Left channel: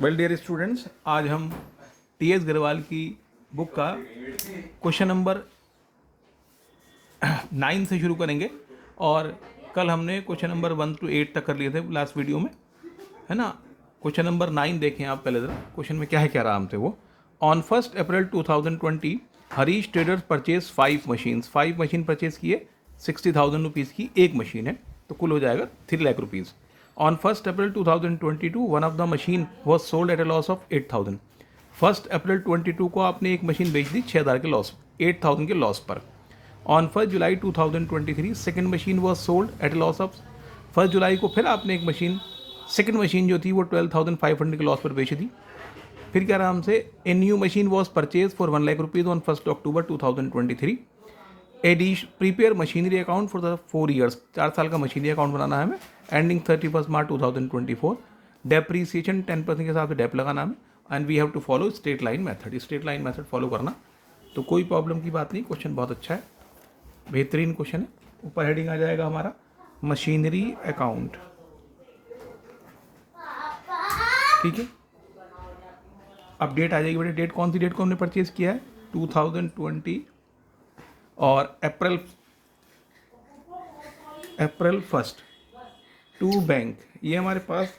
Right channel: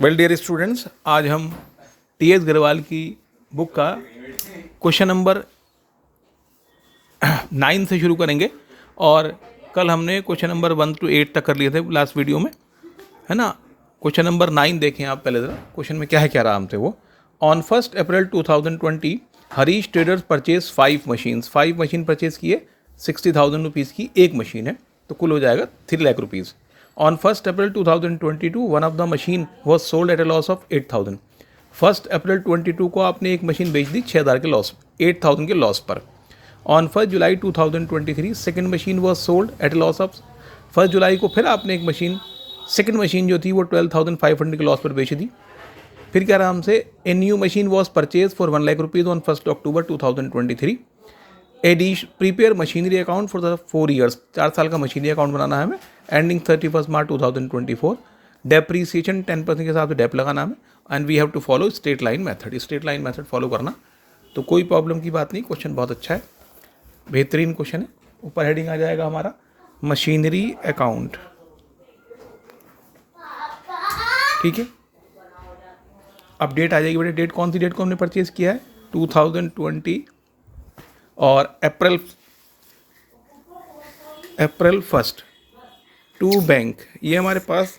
Well dear students, आज हम T.S.. Agarwal की बुक का क्वेश्चन नंबर 9 से शुरू करेंगे। और कल हमने क्वेश्चन नंबर 1 to 8 तक कर लिए थे लास्ट वीडियो में, है ना। क्वेश्चन नंबर 9 देखें आप पहले ज़रा, क्वेश्चन में क्या है, क्या रहा हमसे वो। On 1 April 2020 Harish traders purchase 5 machines. 5 machine purchase किए, 60,000 रुपीज़ की एक मशीन है, तो कुल हो जाएगा 3 lakh rupees. On 1st April 2022, one of the machine was sold at a loss of 8,000। 1st April 22 को आपने एक मशीन बेच दी 6,000 के लॉस, 8,000 के लॉस पर। On 1st July 2023, second machine was sold at a loss of 1st जुलाई को फिर आपने एक मशीन, सेकेंड मशीन जो थी वो 12,500 के लॉस पर बेच दी। फिर क्या रहा हमसे, ए new machine was purchase for 1 lakh rupees on 1st October 2023। Prepare machinery account for the 4 years, 4 साल का मशीनरी अकाउंट बनाना है हमें, एंडिंग 31 मार्च 2024। डेप्रीसिएशन 10% के हिसाब से डेप लगाना हमें, and we have to follow straight line method. Straight line method follow करना, तो कोई प्रॉब्लम की बात नहीं। क्वेश्चन बहुत अच्छा है, बेहतरीन क्वेश्चन है। ऊपर हेडिंग आ जाएगा हमारा मशीनरी अकाउंट, ठीक है। अब डेट आ जाएगी बेटे, डेट कौन सी डेट को हमने परचेज किया है, 2020 और अप्रैल 1 टू बैंक। ये हमारे पास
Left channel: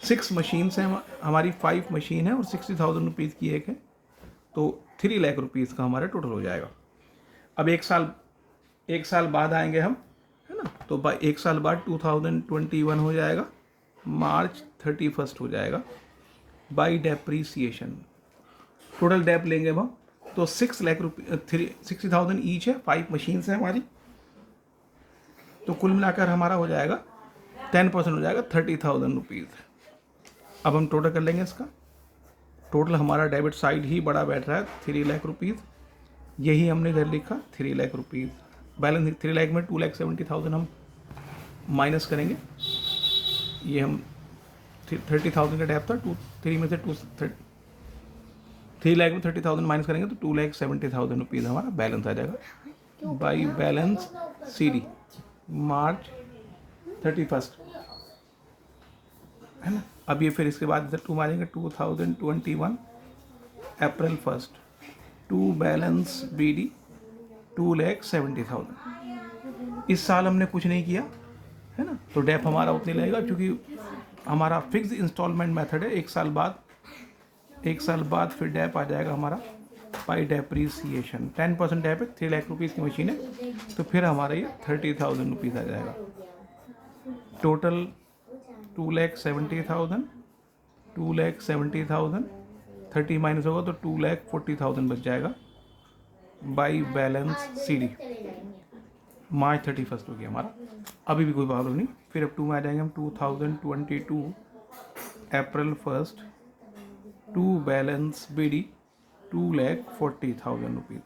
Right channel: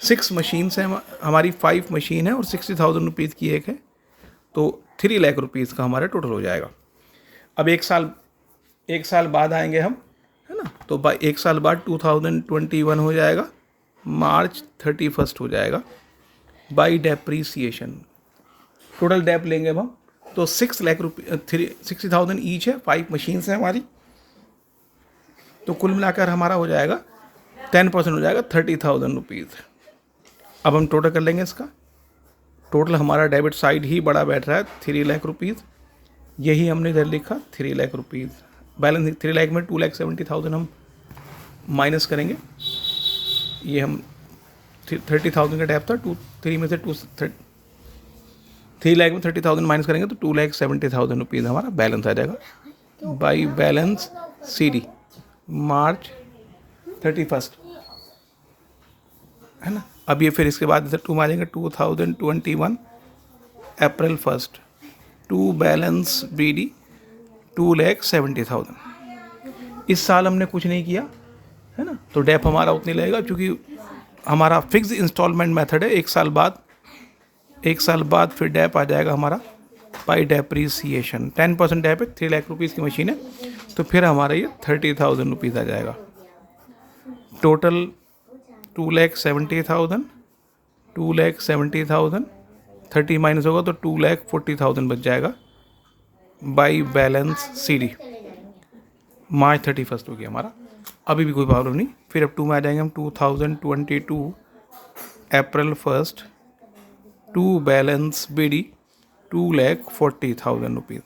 6 मशीन्स हैं, हमारी 5 मशीन है और 60,000 रुपीज़ की एक है, तो 3 लाख रुपीज़ का हमारा टोटल हो जाएगा। अब एक साल बाद आएंगे हम, है ना, तो एक साल बाद 2021 हो जाएगा, मार्च 31 हो जाएगा बाई डेप्रीसिएशन। टोटल डेप लेंगे अब हम, तो 6 लाख रुपये 60,000 ईच है, 5 मशीन्स हैं हमारी, तो कुल मिलाकर हमारा हो जाएगा 10% हो जाएगा 30,000 रुपीज़। अब हम टोटल कर लेंगे इसका। टोटल हमारा डेबिट साइड ही बड़ा बैठ रहा है 3 लाख रुपीज़, यही हमने इधर लिखा 3 लाख रुपीज़। बैलेंस 3 लाख में 2,70,000 हम माइनस करेंगे। ये हम 30,000 का डेप था, 3 में से 3 लाख में 30,000 माइनस करेंगे तो 2,70,000 रुपीज़ हमारा बैलेंस आ जाएगा बाई बैलेंस CD मार्च 31, है ना। अब ये फिर इसके बाद इधर 2 में आ जाएंगे 2021 अप्रैल 1 टू बैलेंस BD 2,70,000। इस साल हमने कुछ नहीं किया, है ना, तो डेप हमारा उतनी लगेगा, क्योंकि हमारा फिक्स इंस्टॉलमेंट मेथड है। एक साल बाद फिर डेप आ जाएगा हमारा बाई डेप्रीसिएशन। 10% डेप है, 3 लाख रुपीज़ की मशीन है, तो फिर हमारा ये 30,000 रुपीज़ आ जाएगा। टोटल 2,70,000, 30 माइनस होगा तो 2,40,000 बच जाएगा बाई बैलेंस CD मार्च 31 हो गया हमारा। अभी भी कोई प्रॉब्लम नहीं। फिर अब 2 में आ जाएंगे हम 2022 April 1 to balance BD 2,40,000 rupees.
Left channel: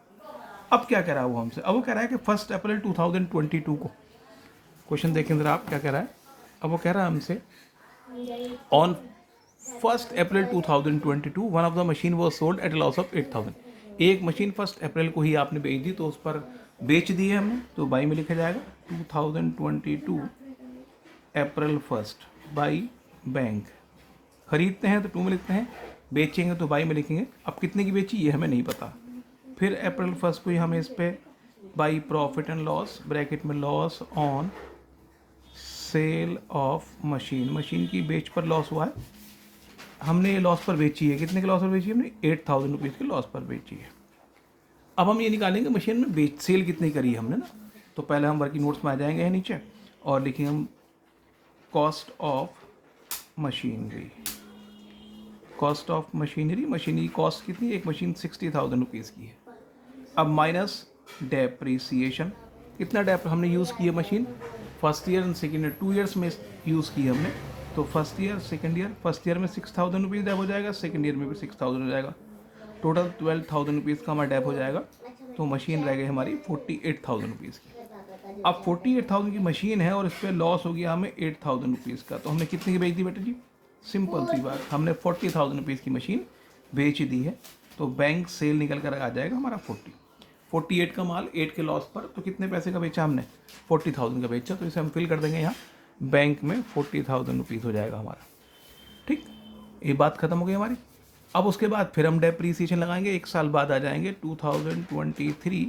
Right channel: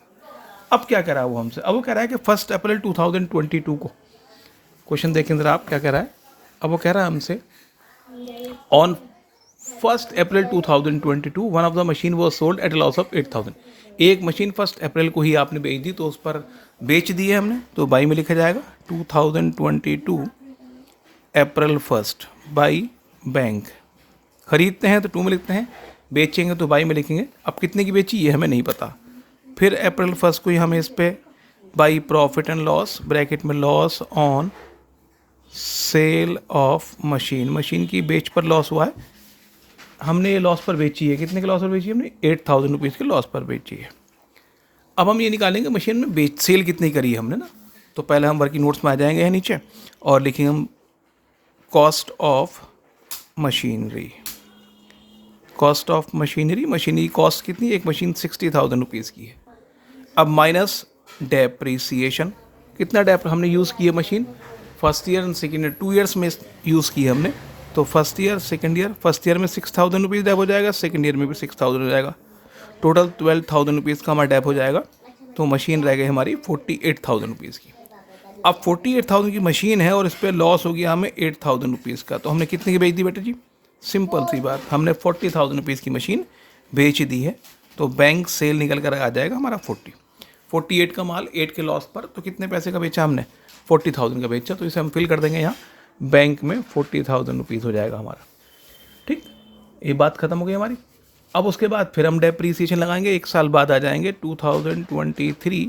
अब क्या कह रहा है वो हमसे, अब वो कह रहा है कि 1 अप्रैल 2022 को, क्वेश्चन देखें ज़रा आप क्या कह रहा है। अब वो कह रहा है हमसे, on 1 April 2022 one of the machine was sold at loss of 8,000। एक मशीन 1 अप्रैल को ही आपने बेच दी, तो उस पर बेच दी है हमने, तो बाई में लिखा जाएगा 2022 अप्रैल 1 बाई बैंक। खरीदते हैं तो 2 में लिखते हैं, बेचेंगे तो बाई में लिखेंगे। अब कितने की बेची ये हमें नहीं पता। फिर अप्रैल 1 को ही हमें इस पर by profit and loss, bracket में loss on sale of machine की बेच पर लॉस हुआ है, हमने ये लॉस पर बेची है। कितने के लॉस पर बेची है हमने, 8,000 रुपीज़ के लॉस पर बेची है। अब हम ये निकालेंगे मशीन में सेल कितनी करी है हमने ना, तो पहले हम वर्किंग नोट्स में आ जाएंगे यहाँ नीचे और लिखेंगे हम cost of machinery. Cost of machinery cost कितनी, एक मशीन 60,000 रुपीज़ की है। अब माइनस डेप्रीसिएशन, कितना डेप हमने यूज़ किया machine, first year and second year, 2 years में यूज़ की हमने, तो first year second year, first year में 6,000 रुपीज़ डेप हो जाएगा, सेकेंड ईयर में भी 6,000 हो जाएगा, टोटल 12,000 रुपीज़ का हमारा डेप हो जाएगा। तो मशीन रह गई हमारी 48,000 रुपीज़ की। अब 48,000 की मशीन है और इस पर लॉस हो गया हमें 8,000 रुपीज़ का, तो हमने कितने की बेच दी बेटा जी, सिंपल सी बात, हमने 40,000 रुपीज़ की मशीन बेच दी है, तो बैंक सेल निकल कर आ जाएगा हमारा 48 का माल 8 के लॉस पर, तो कितने पैसे का बेचा हमने, 40,000 का बेचा। तो इसे हम फिल कर देंगे यहाँ बैंक में 40,000 रुपीज़ हो जाएगा हमारा, ठीक। ये बात खत्म हो गई हमारी। अब उसके बाद फिर हम डेप्रीसिएशन लगाएंगे, 1 साल बाद आ जाएंगे 2023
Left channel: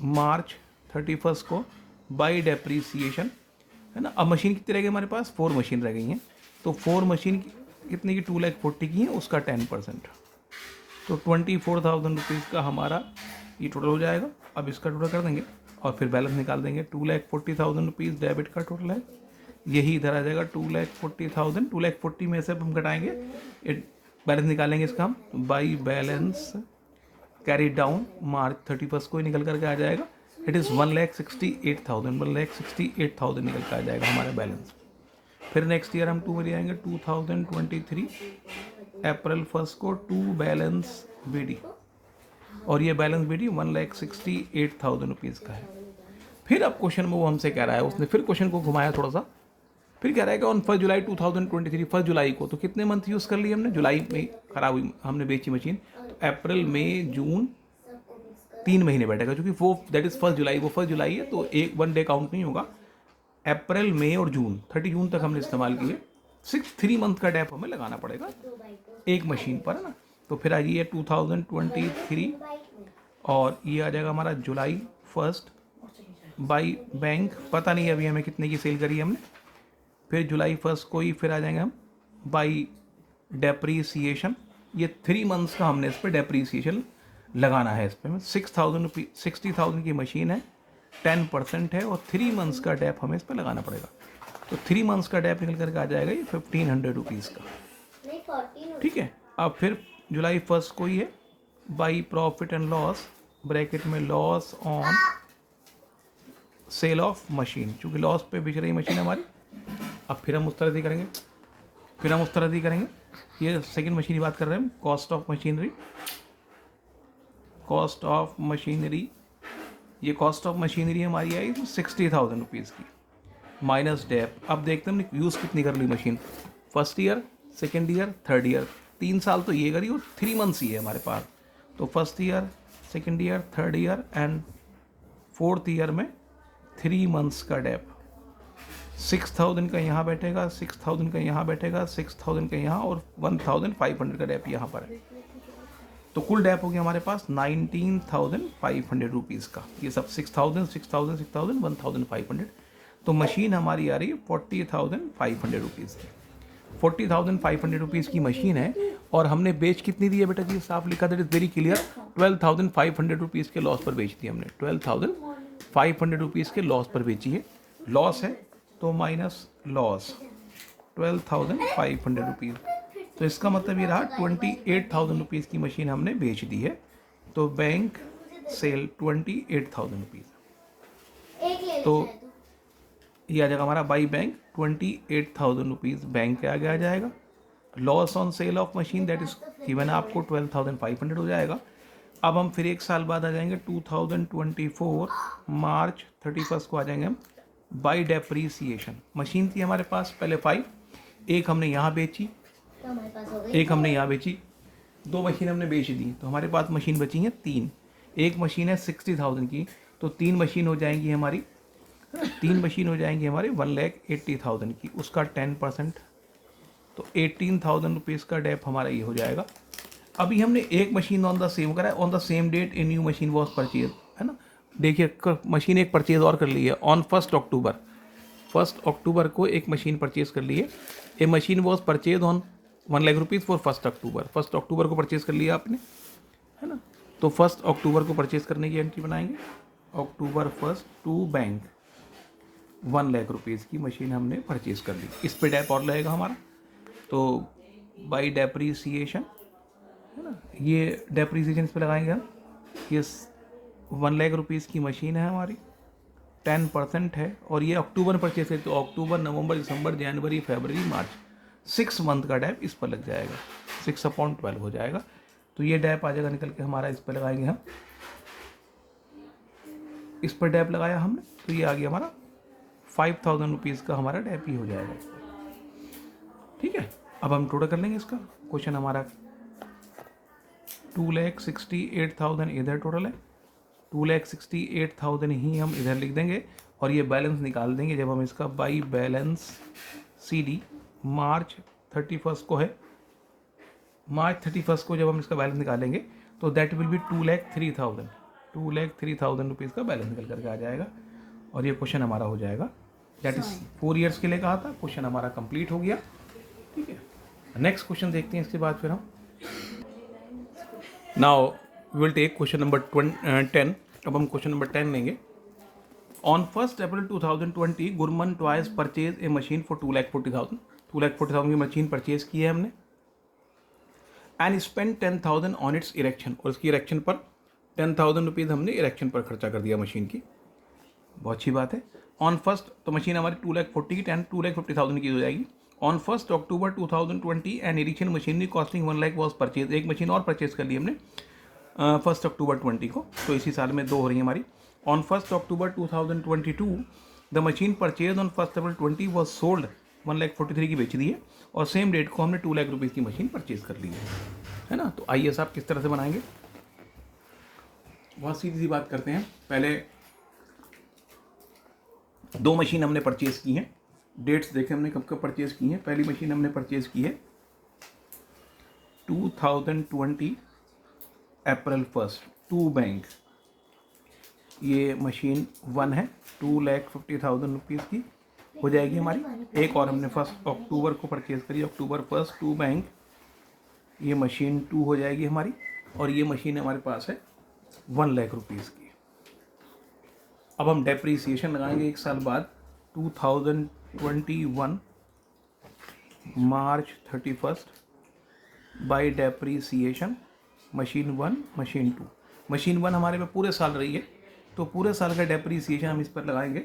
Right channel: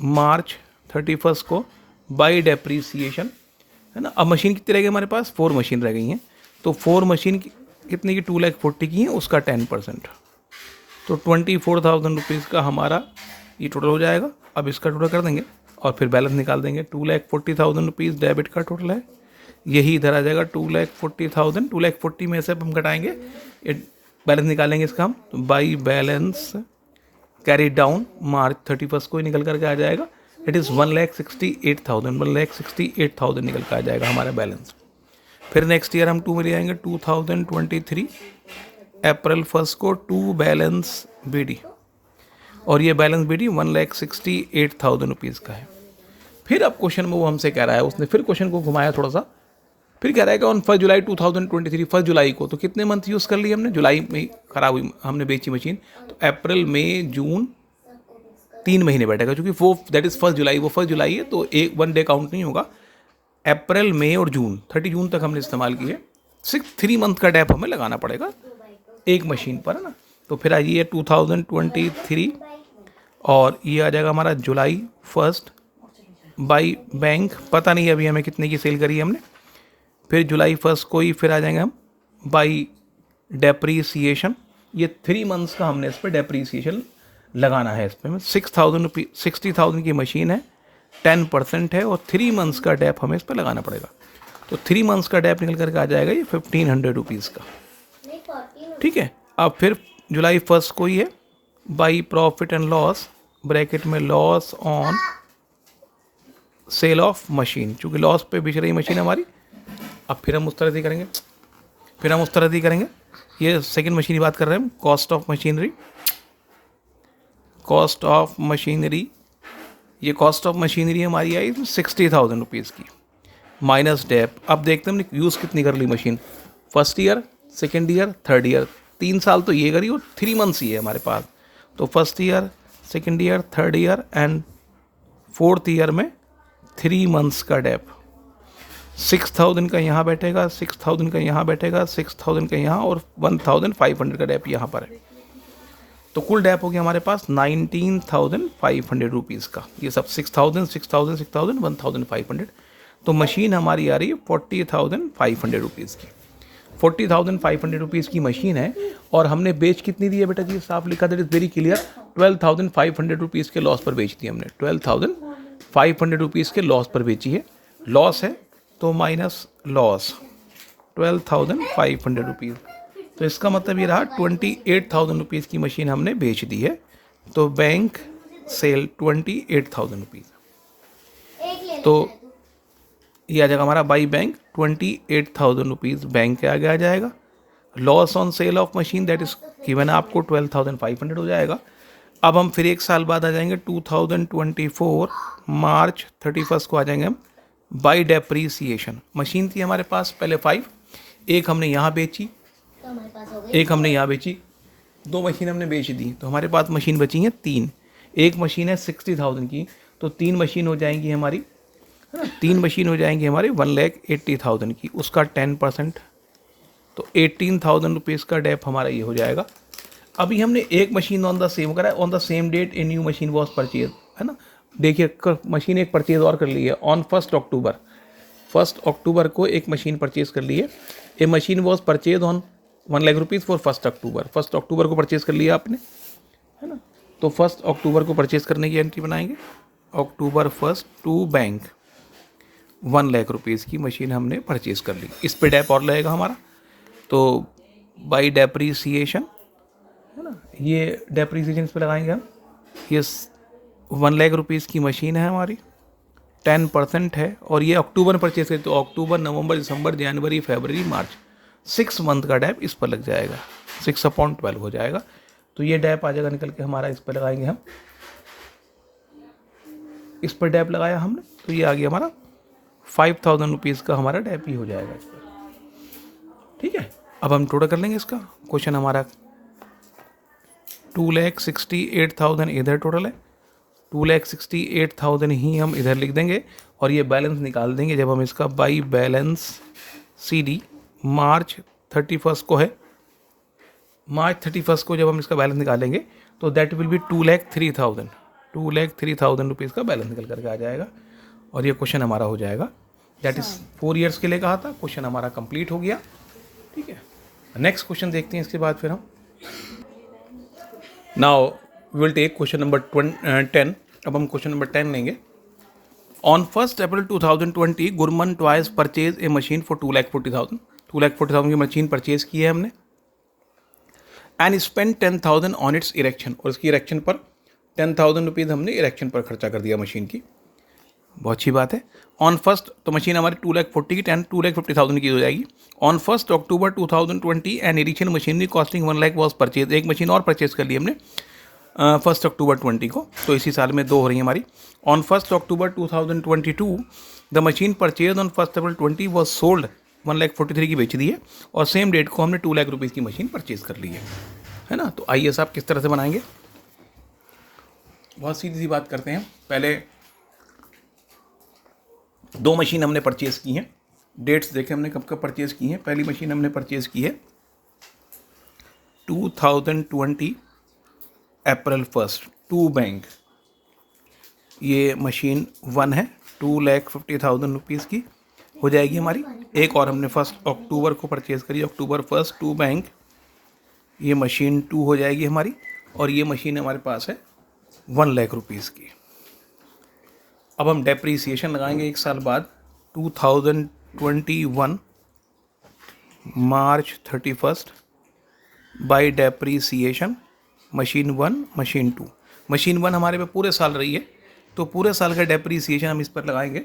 मार्च 31 को बाई डेप्रीसिएशन, है ना। अब मशीन कितनी रह गई हमारे पास, 4 मशीन रह गई हैं। तो 4 मशीन कितने की, 2,40,000 की हैं, उसका 10%, तो 24,000 रुपीज़ का हमारा ये टोटल हो जाएगा। अब इसका टोटल कर देंगे और फिर बैलेंस निकाल देंगे। 2,40,000 रुपीज़ डेबिट का टोटल है, यही इधर आ जाएगा 2,40,000। 2,40,000 में से अब हम घटाएंगे, बैलेंस निकालेंगे इसका हम, तो बाई बैलेंस कैरी डाउन मार्च 31 को ही निकल करके आ जाएगा। इट इज़ 1,68,000, 1,68,000 निकल कर आ जाएगा हमारा बैलेंस। फिर नेक्स्ट ईयर हम 2 में ले आएंगे, 2023 अप्रैल 1 को 2 बैलेंस बीडी, और ये बैलेंस बीडी 1,68,000 रुपीज़ का है। फिर अब क्वेश्चन में वो हमसे कह रहा है, उसने फिर क्वेश्चन को घुमाया थोड़ा सा, फिर कह रहा है कि ऑन 1 जुलाई 2023, 1 जुलाई को, तो कितने मंथ यूज़ कर लिए हमने, जुलाई में ख़राब हुई हमने बेची मशीन, तो अप्रैल मई जून 3 महीने बैठेगा, क्योंकि वो दैट इज़ 1 जुलाई, वो 1 जुलाई है, तो 1 डे काउंट नहीं होगा। अप्रैल मई और जून, 30 जून तक हमने इस्तेमाल किए, सिर्फ 3 मंथ का डैप हमें लगाना पड़ेगा एक मशीन पर, है ना। तो फिर आइए 2023 और ये आ जाएगा हमारा जुलाई 1 बाई बैंक, पता नहीं अभी हमें कितने की सेल करी है हमने। फिर जुलाई 1 को ही फिर आ जाएंगे हम बाई डेप्रीसिएशन, ये 3 मंथ्स का हमने इस पर डेप्रीसिएशन लगाना है। इस पर 60,000 की मशीन है, 10% है, और 3 मंथ्स का डैप हमें इस पर लगाना पड़ेगा। तो 3 मंथ्स का डैप निकल करके आ जाएगा ये 1,500 रुपीज़ का, ठीक है। अब फिर जुलाई 1 को ही है by profit and loss, bracket में loss on sale of machine, चूँकि लॉस पे बिक रही मशीन हमारी। अब फिर हम उस तरह से करेंगे, ये सेकंड मशीन की बात कर रहे हैं हम, कॉस्ट ऑफ मशीनरी, ये कॉस्ट ऑफ मशीनरी हमारी आई 60,000 रुपीज़ की माइनस डेप। अब देखते हैं हमने यूज़ कितनी कर ली machine, first year, second year, third year, 3 साल तो ये करी और 3 मंथ्स ही है हमारे पास। तो first year, second year, third year and fourth year में 3 मंथ्स का डैप, 6,000 का यहाँ बैठेगा, 6,000 का यहाँ बैठेगा, 6,000 का यहाँ, और 1,500 का डैप यहाँ पर है। तो कुल डैप हो गया हमारे पास 19,500 रुपीज़ का, ये सब 6,000, 6,000, 6,000, 1,500। तो मशीन हमारी आ रही है 40,500 रुपीज़ की, 40,500 रुपीज़ की मशीन है। और हमने बेच कितनी दी है बेटा जी, साफ लिखा, that is very clear, 12,500 rupees के लॉस पर बेच दी हमने, 12,500 रुपीज़ के लॉस पर बेची है। लॉस है तो माइनस लॉस 12,500 रुपीज़, तो इसका मतलब ये रहा 28,000 रुपीज़ की मशीन हमने बेच दी है। तो बैंक सेल 28,000 रुपीज़, तो ये आ जाएगा हमारा बाई बैंक 28,000 रुपीज़ बैंक के आगे आ जाएगा। Loss on sale of machine that is given आपको 12,500 हो जाएगा। अब हम फिर 1 साल बाद आ जाएंगे 2024 मार्च 31 को आ जाएंगे हम बाई डेप्रीसिएशन। मशीन थी हमारे पास पहले 5, एक हमने यहाँ बेची, एक हमने यहाँ बेची, 2 मशीन हमने बेच दी, तो हमारे पास मशीन बची हैं 3। एक मशीन है 60,000 की, तो 3 मशीन हो जाएंगी हमारी, 3 मशीन हो जाएंगी हमारी 1,80,000 की, उसका 10%, तो 18,000 रुपीज़ का डेप हमारा ये हो जाएगा। अभी हमने एक मशीन ऑन द सेम करा है, on the same date a new machine was purchase, है ना। देखिए मशीन एक परचेज और कर ली है ऑन 1 अक्टूबर को एक मशीन परचेज कर ली है। A machine was purchase on 1 lakh rupees for 1 October, 1 अक्टूबर को परचेज़ कर लिया आपने, है ना। तो 1 अक्टूबर को परचेज़ करने की एंट्री बनाएंगे, अक्टूबर 1 टू बैंक 1 लाख रुपीज़ की मशीन हमने परचेज़ कर ली, इस पे डैप और लगेगा हमारा। तो बाई डेप्रीसिएशन, है ना, ये डेप्रीसिएशन इस पे लगाएंगे हम, ये 1 लाख रुपीज़ की मशीन है हमारी, 10% है, और ये अक्टूबर में परचेज है, तो अक्टूबर, नवंबर, दिसंबर, जनवरी, फरवरी, मार्च, 6 मंथ का डैप इस पर लग जाएगा, 6/12 हो जाएगा। तो ये डैप आ जाएगा निकल के हमारा, इस पर लगाएंगे हम, इस पर डैप लगाया हमने, तो ये आ गया हमारा 5,000 रुपीज़ का हमारा डैप ही हो जाएगा इस पर, ठीक है। अब हम टोटल कर लेंगे इसका, क्वेश्चन हमारा 2,68,000 इधर टोटल है, 2,68,000 ही हम इधर लिख देंगे, और ये बैलेंस निकाल देंगे जब हम इसका बाई बैलेंस CD मार्च 31 को है मार्च 31 को जब हम इसका बैलेंस निकालेंगे तो दैट विल बी 2,03,000 रुपीज़ का बैलेंस निकल करके आ जाएगा और ये क्वेश्चन हमारा हो जाएगा। दैट इज़ 4 ईयर्स के लिए कहा था, क्वेश्चन हमारा कंप्लीट हो गया। ठीक है, नेक्स्ट क्वेश्चन देखते हैं इसके बाद फिर हम। Now will take question number 10। अब हम क्वेश्चन नंबर 10 लेंगे। On 1 April 2020 Gurman toys purchase a machine for 2,40,000। 2,40,000 की मशीन परचेज की है हमने and spend 10,000 on its erection, और इसकी इरेक्शन पर 10,000 रुपीज़ हमने इरेक्शन पर खर्चा कर दिया मशीन की। बहुत अच्छी बात है। ऑन 1 तो मशीन हमारी 2,40,000 की 2,50,000 की हो जाएगी। On 1 October 2020 an additional machinery costing 1 lakh was purchase, एक मशीन और परचेज कर ली हमने 1 अक्टूबर 20 को, तो इसी साल में 2 हो रही है हमारी। On 1 October 2022 the machine purchase on 1 April 20 was sold 1,43,000 की बेच दी है और सेम डेट को हमने 2 लाख रुपीज़ की मशीन परचेज कर ली है ना। तो आइए साहब किस तरह से बनाएंगे, बहुत सीधी सी बात करते हैं। पहले 2 मशीन हमने परचेज़ की हैं, डेट्स देखें हमने कब कब परचेज़ की हैं। पहली मशीन हमने परचेज़ की है 2020 अप्रैल 1, 2 बैंक, ये मशीन 1 है, 2,50,000 रुपीज़ की हो जाएगी हमारी। एक और हमने 1 अक्टूबर को परचेज़ करी, अक्टूबर 1, 2 बैंक, ये मशीन 2 हो जाएगी हमारी, और ये मशीन हमारे पास है 1 लाख रुपीज़ की। अब हम डेप्रीसिएशन लगाएंगे एक साल बाद, 2021 मार्च 31 by depreciation machine 1 machine 2। Machine 1 हमारे पे पूरे साल रही है, तो पूरे साल का डेप्रीसिएशन हम इस पर लगाएंगे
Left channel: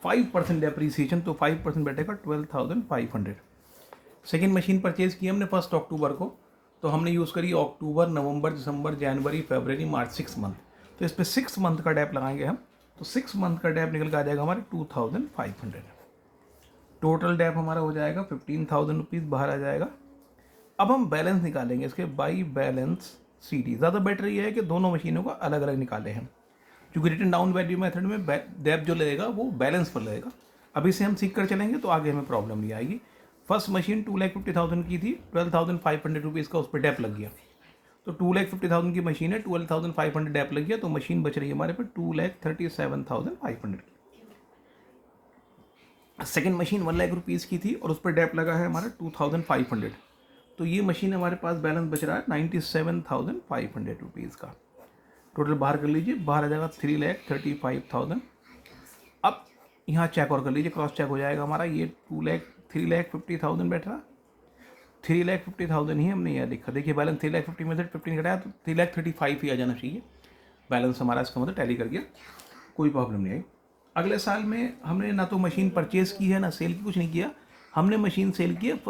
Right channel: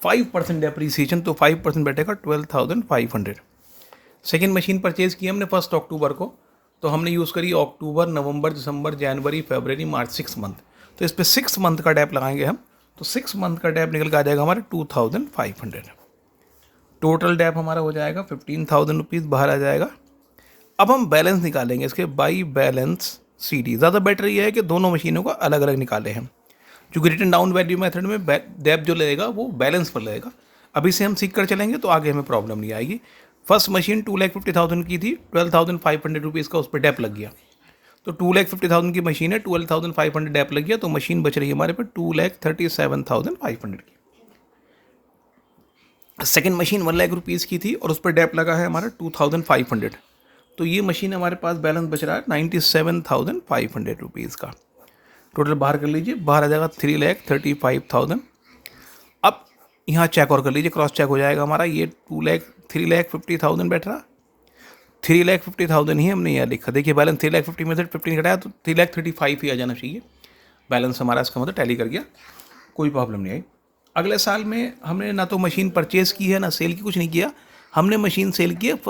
5% डेप्रीसिएशन, तो 5% बैठेगा 12,500। सेकेंड मशीन परचेज़ की हमने 1 अक्टूबर को, तो हमने यूज़ करी अक्टूबर, नवंबर, दिसंबर, जनवरी, फरवरी, मार्च, 6 मंथ, तो इस पर 6 मंथ का डेप लगाएंगे हम, तो 6 मंथ का डेप निकल के आ जाएगा हमारे 2,500। टोटल डेप हमारा हो जाएगा 15,000 रुपीज़ बाहर आ जाएगा। अब हम बैलेंस निकालेंगे इसके बाई बैलेंस CD। ज़्यादा बेटर ये है कि दोनों मशीनों को अलग अलग निकाले हैं, क्योंकि रिटन डाउन वैल्यू मेथड में डेप जो लगेगा वो बैलेंस पर लगेगा। अभी से हम सीख कर चलेंगे तो आगे हमें प्रॉब्लम नहीं आएगी। फर्स्ट मशीन 2,50,000 की थी, 12,500 रुपीज़ का उस पर डेप लग गया, तो 2,50,000 की मशीन है, 12,500 डेप लग गया, तो मशीन बच रही है हमारे पे 2,37,500 की। सेकेंड मशीन 1 लाख रुपीज़ की थी और उस पर डेप लगा है हमारा 2,500, तो ये मशीन हमारे पास बैलेंस बच रहा है 97,500 रुपीज़ का। टोटल बाहर कर लीजिए, बाहर आ जाएगा 3,35,000। अब यहाँ चेक और कर लीजिए, क्रॉस चेक हो जाएगा हमारा, ये 3,50,000 बैठ रहा, 3,50,000 ही हमने यहाँ लिखा। देखिए बैलेंस 3,50,000 में से 15 घटाया तो 3,35,000 ही आ जाना चाहिए बैलेंस हमारा, इसका मतलब टैली कर गया, कोई प्रॉब्लम नहीं आई। अगले साल में हमने ना तो मशीन परचेज़ की है ना सेल की, कुछ नहीं किया, हमने मशीन सेल की है,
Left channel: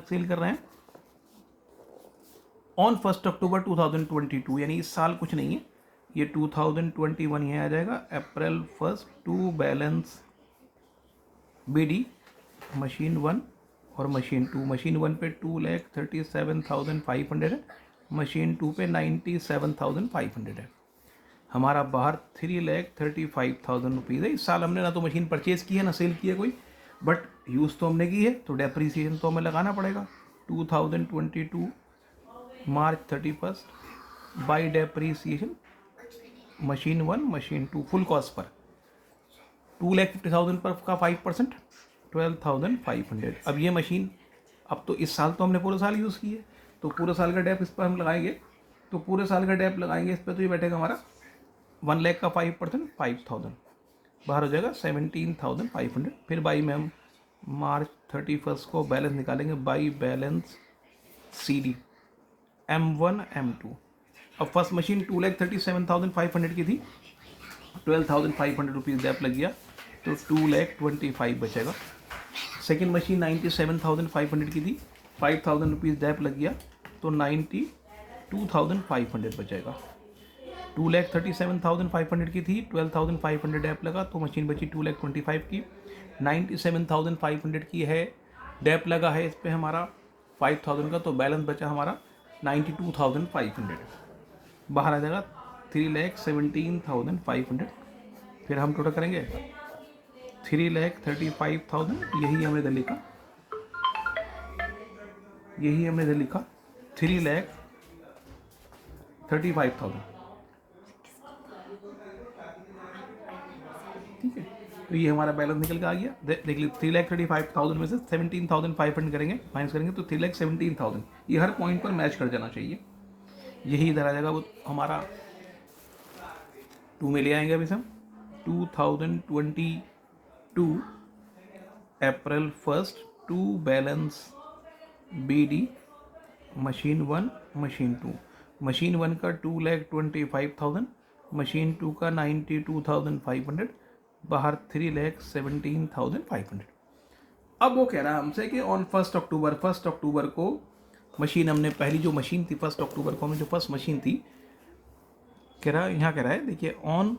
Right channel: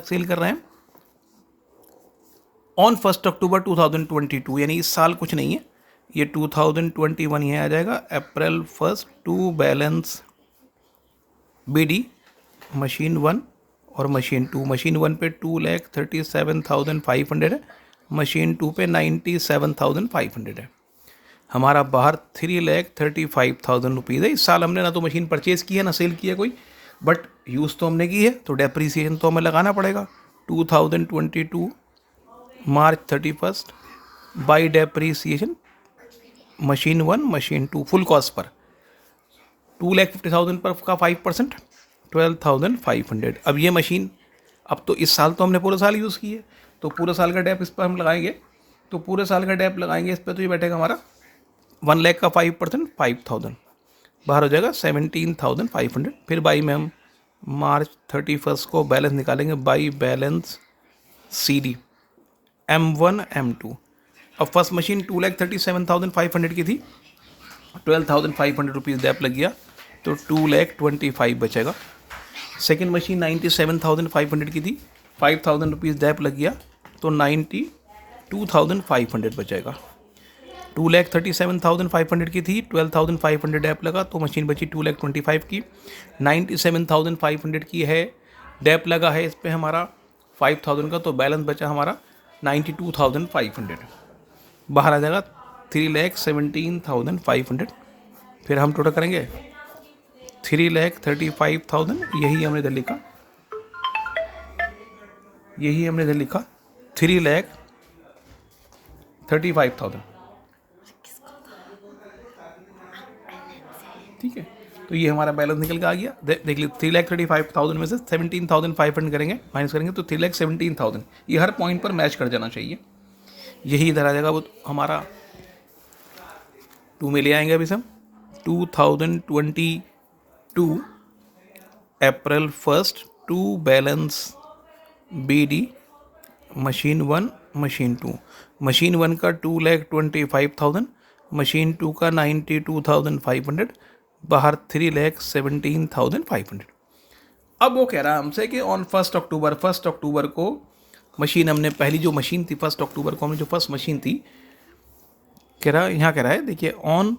सेल कर रहे हैं ऑन 1 अक्टूबर 2022, यानी इस साल कुछ नहीं है, ये 2021 यहाँ आ जाएगा। अप्रैल 1 टू बैलेंस BD मशीन 1 और मशीन 2। मशीन 1 पे 2,37,500 है, मशीन 2 पे 97,500 है, हमारा बाहर 3,35,000 रुपीज़ है। इस साल हमने ना तो मशीन परचेज़ की है ना सेल की है कोई, बट यूज़ तो हमने की है, तो डेप्रीसिएशन तो हमें लगाना पड़ेगा। 2022 मार्च 31 by depreciation machine 1 machine 2 full cost per 2,50,000 पर का 5% 12,500। अब ये मशीन, अब तो इस साल तो हमने पूरे साल यूज़ की है, तो पूरे साल का डेप इस पर हम लगाएंगे, तो पूरे साल का डेप लगाएंगे इस पर, तो ये बैठेगा हमारा 1 लाख का 5% 5,000 बाहर हो जाएगा 17,500। फिर बाई में हम मार्च 31 को बैलेंस निकालेंगे, by balance CD M1 M2। अब फर्स्ट मशीन 2,37,500 की थी, 12,500 रुपीज़ डेप लग गया, तो 2,25,000 बचेगा। सेकेंड मशीन 97,500 की थी, 5,000 रुपीज़ डेप लग गया, तो 92,500 बचेगा। 2,37,500 की थी, 12,500 डेप लगा, तो मशीन बची 2,25,000 की। 97,500 की है, डेप लगा है इस पर हमारा 5,000 का, तो बैलेंस बचा हमारा 92,500, बाहर आ जाएगा 3,17,500। फिर हम टोटल करेंगे 3,35,000, यही हमने इधर लिखा, 3,35,000, ठीक है। तो ये हमारा बैलेंस निकल के आ गया। देख लीजिए 3,35,000 में से 17,500 करेंगे, माइनस करेंगे तो 3,17,000। ये हर पॉइंट पर मैच कर जाना चाहिए। यही इधर आ जाएगा, वो हमारा 2 में ले आएंगे अभी से हम। 2022 April 1 to balance BD machine 1 machine 2। Machine 1 का 2,25,000, मशीन 2 का 92,500, बाहर 3,17,500। अब वो कह रहा है हमसे कि ऑन 1 अक्टूबर को मशीन हमने पहली जो मशीन थी 1 अक्टूबर को हमने जो फर्स्ट मशीन थी, कह रहा है देखिए on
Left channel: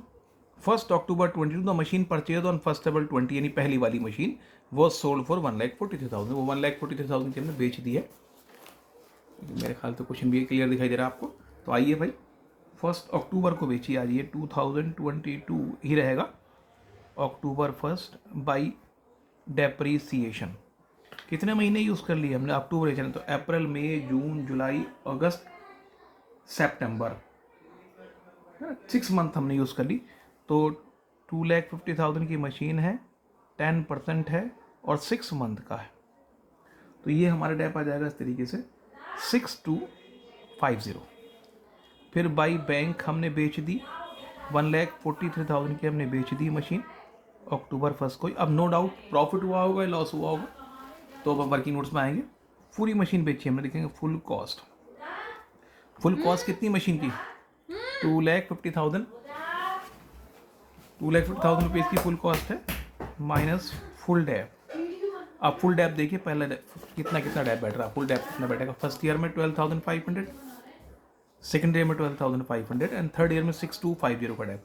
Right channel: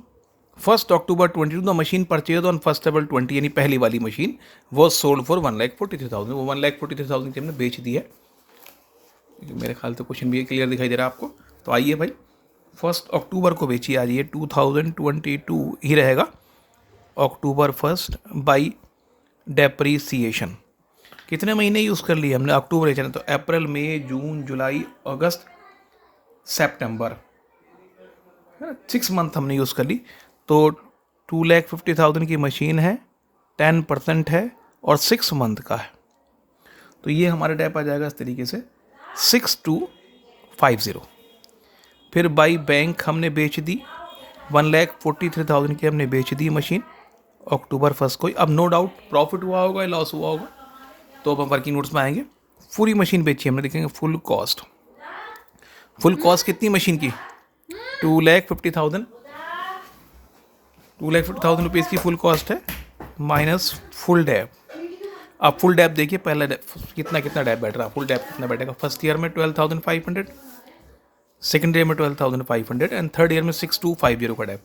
1 October 22 the machine purchase on 1 April 20, यानी पहली वाली मशीन वो सोल्ड फॉर 1,43,000। वो 1,43,000 की हमने बेच दी है। मेरे ख्याल से क्वेश्चन भी क्लियर दिखाई दे रहा है आपको। तो आइए भाई 1 अक्टूबर को बेची आज, ये 2022 ही रहेगा, अक्टूबर 1 बाई डेप्रीसिएशन। कितने महीने यूज़ कर लिए हमने अक्टूबर बेचना, तो अप्रैल मई जून जुलाई अगस्त सितंबर, 6 मंथ हमने यूज़ कर ली। तो 2,50,000 की मशीन है, 10% है और 6 मंथ का है। तो ये हमारा डेप आ जाएगा इस तरीके से 6,250। फिर बाई बैंक हमने बेच दी 1,43,000 की हमने बेच दी मशीन अक्टूबर 1 को। अब नो डाउट प्रॉफिट हुआ होगा या लॉस हुआ होगा, तो अब हम वर्किंग नोट्स में आएंगे। पूरी मशीन बेची हमने, देखेंगे फुल कॉस्ट कितनी मशीन की, 2,50,000 रुपीज़ की फुल कॉस्ट है, माइनस फुल डैप। अब फुल डैप देखिए, पहले कितना डैप बैठ रहा है, फुल डैप कितना बैठेगा। फर्स्ट ईयर में 12,500, सेकेंड ईयर में 12,500 एंड थर्ड ईयर में 6,250 का डैप।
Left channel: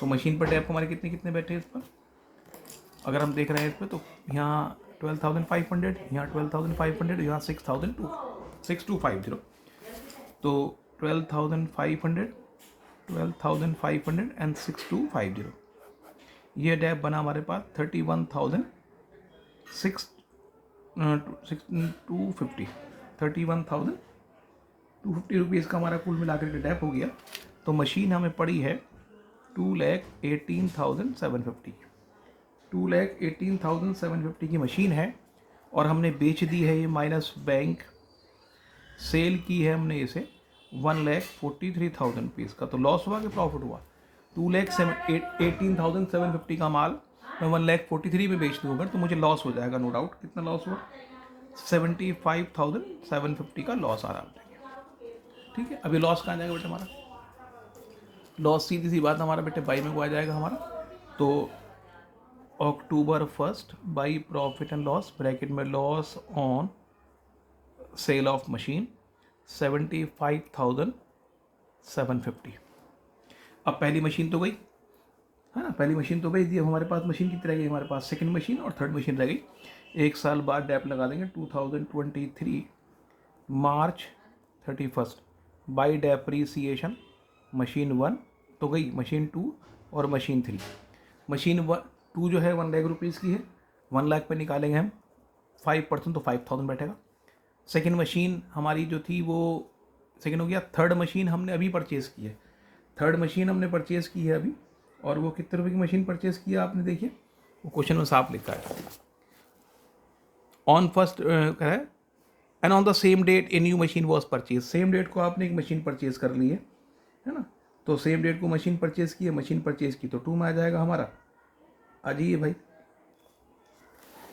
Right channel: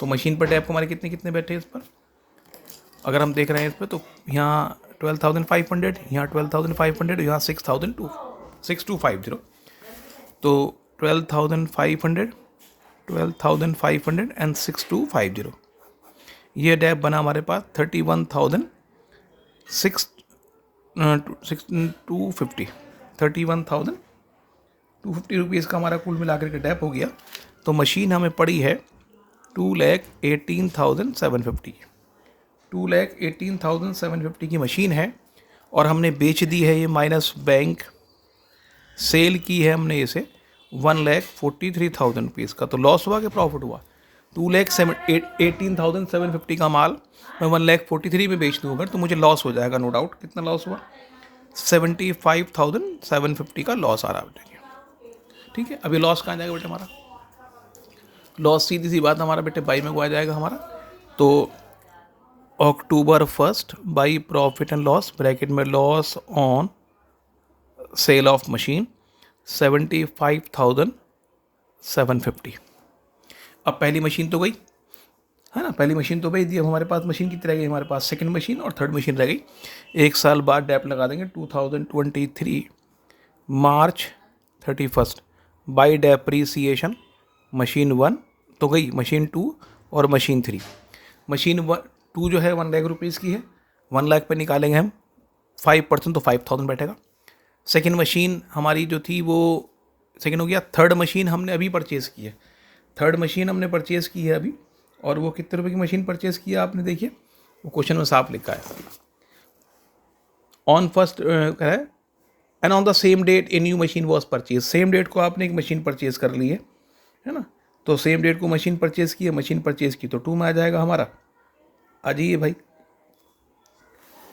तो मशीन पर डैप हमारे कितने बैठे हैं इस पर, अगर हम देख रहे हैं इस पर, तो यहाँ 12,500, यहाँ 12,500, यहाँ 6,250। तो 12,500 एंड 6,250, ये डैप बना हमारे पास 31,250 रुपीज़ का हमारा कुल मिलाकर के डैप हो गया। तो मशीन हमें पड़ी है 2,18,750, 2,18,750 की मशीन है, और हमने बेच दी है ये माइनस बैंक, सेल की है हमने इसे 1,43,000 रुपीज़ का। तो लॉस हुआ कि प्रॉफिट हुआ, 2,18,750 का माल मैं 1,43,000 में बेच दूँ अगर, तो मुझे लॉस हो जाएगा, नो डाउट। कितना लॉस हुआ, 75,750 का लॉस आ रहा है। ठीक है, अभी लॉस कहाँ जाएगा बेटे हमारा, लॉस सीधी सी बात हमारा बेटे बाई में को आ जाएगा हमारा। तो अक्टूबर 1 by profit and loss bracket में loss on sale of machine 75,750। अब पहली मशीन तो गई है ना, पहली मशीन तो बेच दी। अब हमारे पास मशीन कितनी रह गई, हमारे पास सेकंड मशीन और थर्ड मशीन रह गई। एक साल बाद डैप लगा देंगे 2023 मार्च 31 बाई डेप्रीसिएशन मशीन 1 तो गई, मशीन 2 और मशीन 3। मशीन 2 जो है 1 लाख रुपीज़ की है, 1 लाख पे निकालेंगे हम 5%, तो 5,000 बैठेगा। सेकेंड मशीन हमारी जो थी वो सेकेंड हो गया। थर्ड मशीन हमने अभी परचेज़ की है, अभी, और वो कितने रुपए की मशीन परचेज़ की है आपने, देखिए वो क्वेश्चन में साफ लिखा है, ऑन फर्स्ट कह रहा है and on the same date a new machine was purchase. Same date को आपने एक मशीन परचेज कर ली है ना, तो सेम डेट को मशीन परचेज की है, तो 2 में आ जाएगा हमारा। आ जाइए भाई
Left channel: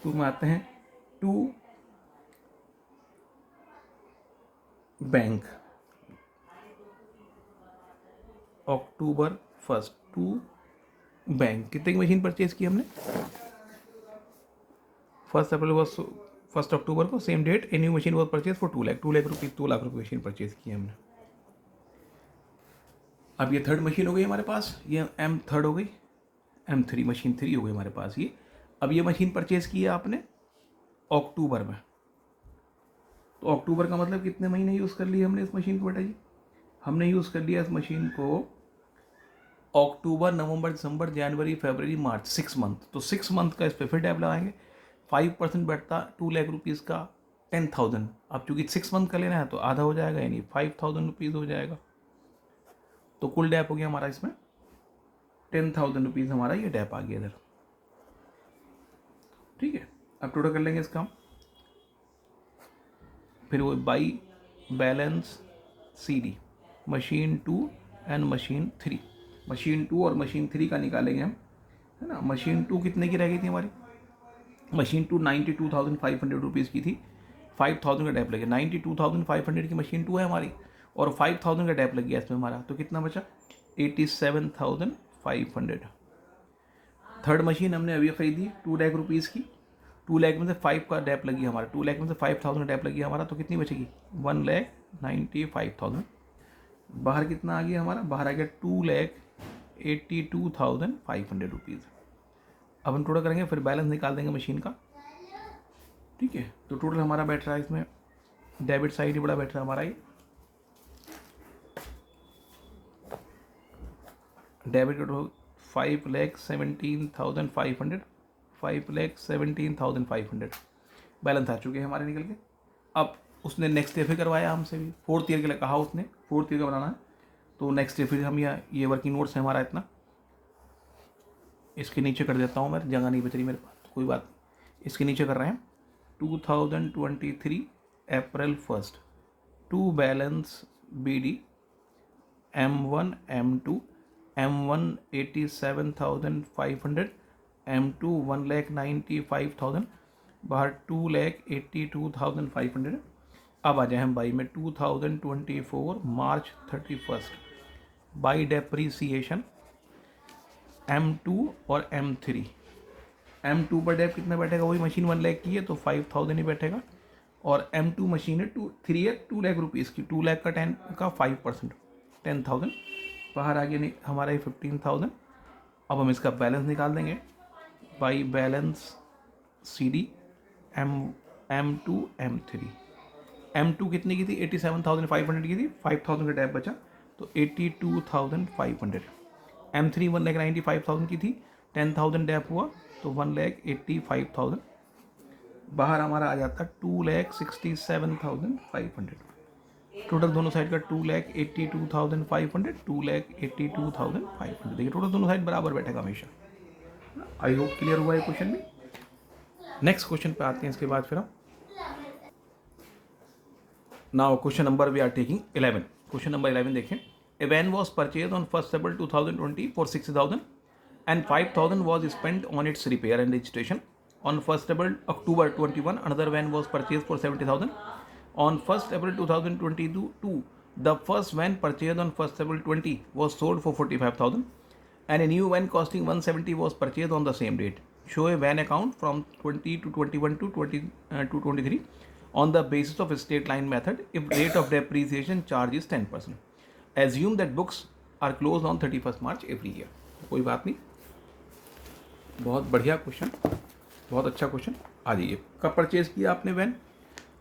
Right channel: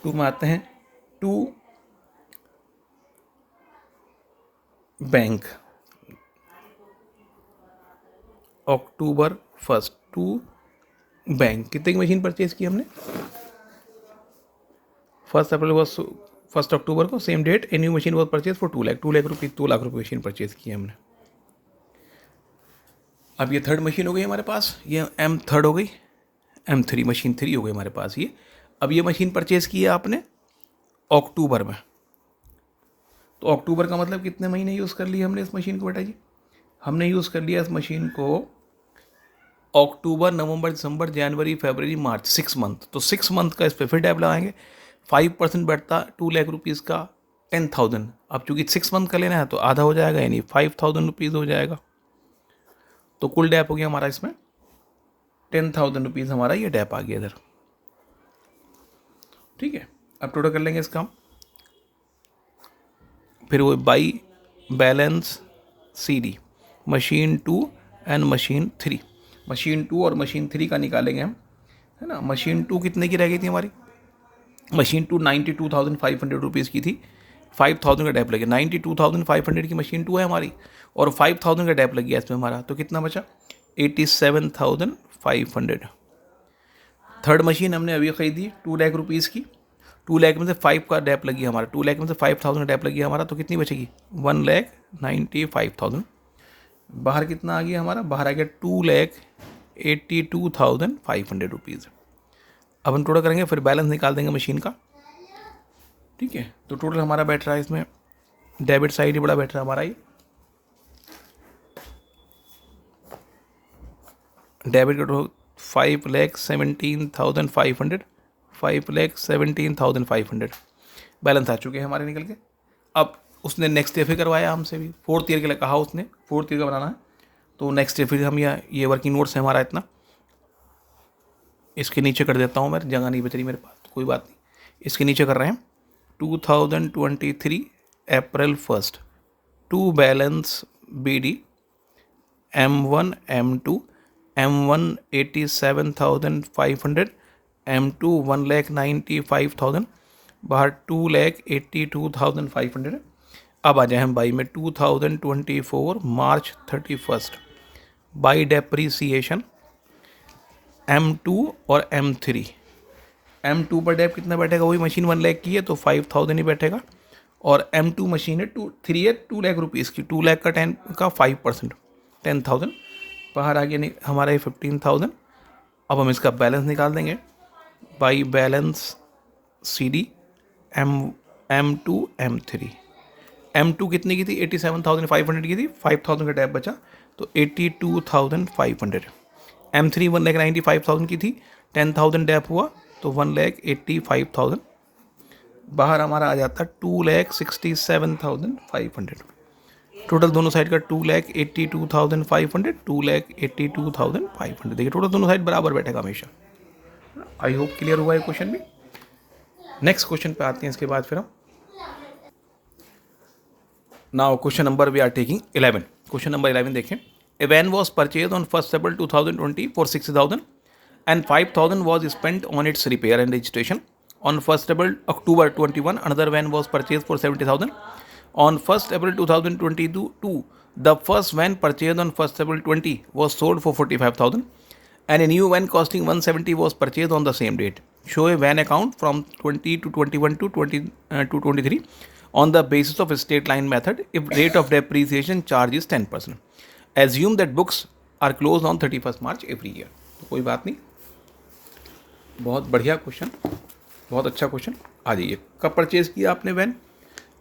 2 में आते हैं। 2 बैंक अक्टूबर 1 2 बैंक कितने की मशीन परचेज की हमने, 1 अक्टूबर को, same date a new machine was purchase for 2 lakh रुपये, 2 लाख रुपये मशीन परचेज की हमने। अब ये थर्ड मशीन हो गई हमारे पास, ये M3 हो गई, M3 मशीन 3 हो गई हमारे पास ये। अब ये मशीन परचेज़ की है आपने अक्टूबर में, तो अक्टूबर का मतलब कितने महीने यूज़ कर लिए हमने इस मशीन को बेटा जी, हमने यूज़ कर लिया इस मशीन को अक्टूबर नवंबर दिसंबर जनवरी फरवरी मार्च, 6 मंथ। तो 6 मंथ का इस पर फिर डैप लगाएंगे, 5% बैठता 2 लाख रुपीज़ का 10,000। अब चूंकि 6 मंथ का लेना है तो आधा हो जाएगा, यानी 5,000 रुपीज़ हो जाएगा। तो कुल डैप हो गया हमारा इसमें 10,000 रुपीज़, हमारा ये डैप आ गया इधर। ठीक है, अब टोटल कर लेंगे इसका हम। फिर वो by balance C D, machine 2 and machine 3। Machine 2 और मशीन 3 का निकालेंगे हम, है ना। मशीन 2 कितने की रह गई थी हमारी? मशीन 2 92,500 रुपीज़ की थी, 5,000 का डैप लगे। 92,500 की मशीन 2 है हमारी, और 5,000 का डैप लग गया इसमें हमारा, तो कितना बचा? 87,500। थर्ड मशीन हमने अभी खरीदी 2 लाख रुपीज़ की, 2 लाख में से 5 का डैप लगी हमारा, 2 लाख में से 5,000 डैप लगी हमारा, तो कितनी बचेगी? 1,95,000। बाहर कितना आ गया हमारा? बाहर आ गया 2,82,500 रुपीज़। अब हम टोटल करेंगे, फिर बैलेंस निकाल देंगे मशीन का। ठीक है, तो टोटल हमारा बैठ रहा है इसमें, डेबिट साइड ही बड़ा बैठ रहा है हमारा ये। डेबिट का टोटल 5,17,500, 5,17,500 बैलेंस आ चुके हैं हमारे निकल के। अब उसने नेक्स्ट ईयर फिर करवाया हमसे भी, 4th ईयर के लिए कहा उसने, 4th ईयर का बनाना है, तो नेक्स्ट ईयर फिर हम ये वर्किंग नोट्स है हमारा इतना, इसके नीचे कर देता हूँ मैं, जगह नहीं बच रही मेरे पास, तो कोई बात नहीं, इसके नीचे कर रहे हैं। 2023 April 1 to balance B D M1 M2 M1 87,500, M2 1,95,000, बाहर 2,82,500। अब आ जाए हम बाई में 2024 मार्च 31 बाई डेप्रीसिएशन M2 और M3। M2 पर डेप कितना बैठेगा? वही मशीन 1 लाख की है तो 5,000 ही बैठेगा, और M2 मशीन है 3 है 2 लाख रुपीज़ की, 2 लाख का 5%, 10,000। बाहर आ गया नहीं हमारा ये 15,000। अब हम इसका बैलेंस निकाल देंगे by balance C D M2 M3। M2 कितने की थी? 87,500 की थी, 5,000 का टैप बचा तो 82,500। M3 1,95,000 की थी, 10,000 डैप हुआ तो 1,85,000। बाहर हमारा आ जाता 2,67,500। टोटल दोनों साइड का 2,82,500, 2,82,500। देखिए टोटल दोनों साइड बराबर बैठेगा हमेशा। आई होप क्लियर हुआ है क्वेश्चन भी। नेक्स्ट क्वेश्चन पे आते हैं इसके बाद फिर हम। Now question number we are taking 11। Question number 11 देखें। A van was purchase on 1 April 2020 for 60,000 and 5,000 was spent on its repair and registration. On 1 October 21, another van was purchased for 70,000. On 1 April 2022, the first van purchased on 1 April 20 was sold for 45,000, and a new van costing 170 was purchased on the same date. Show a van account from 20 to 21 to 23 on the basis of a straight line method if rate of depreciation charge is 10%. Assume that books are closed on 31st March every year. कोई बात नहीं, बहुत बढ़िया question, बहुत अच्छा question. आ जाइए, कब purchase किया आपने वैन?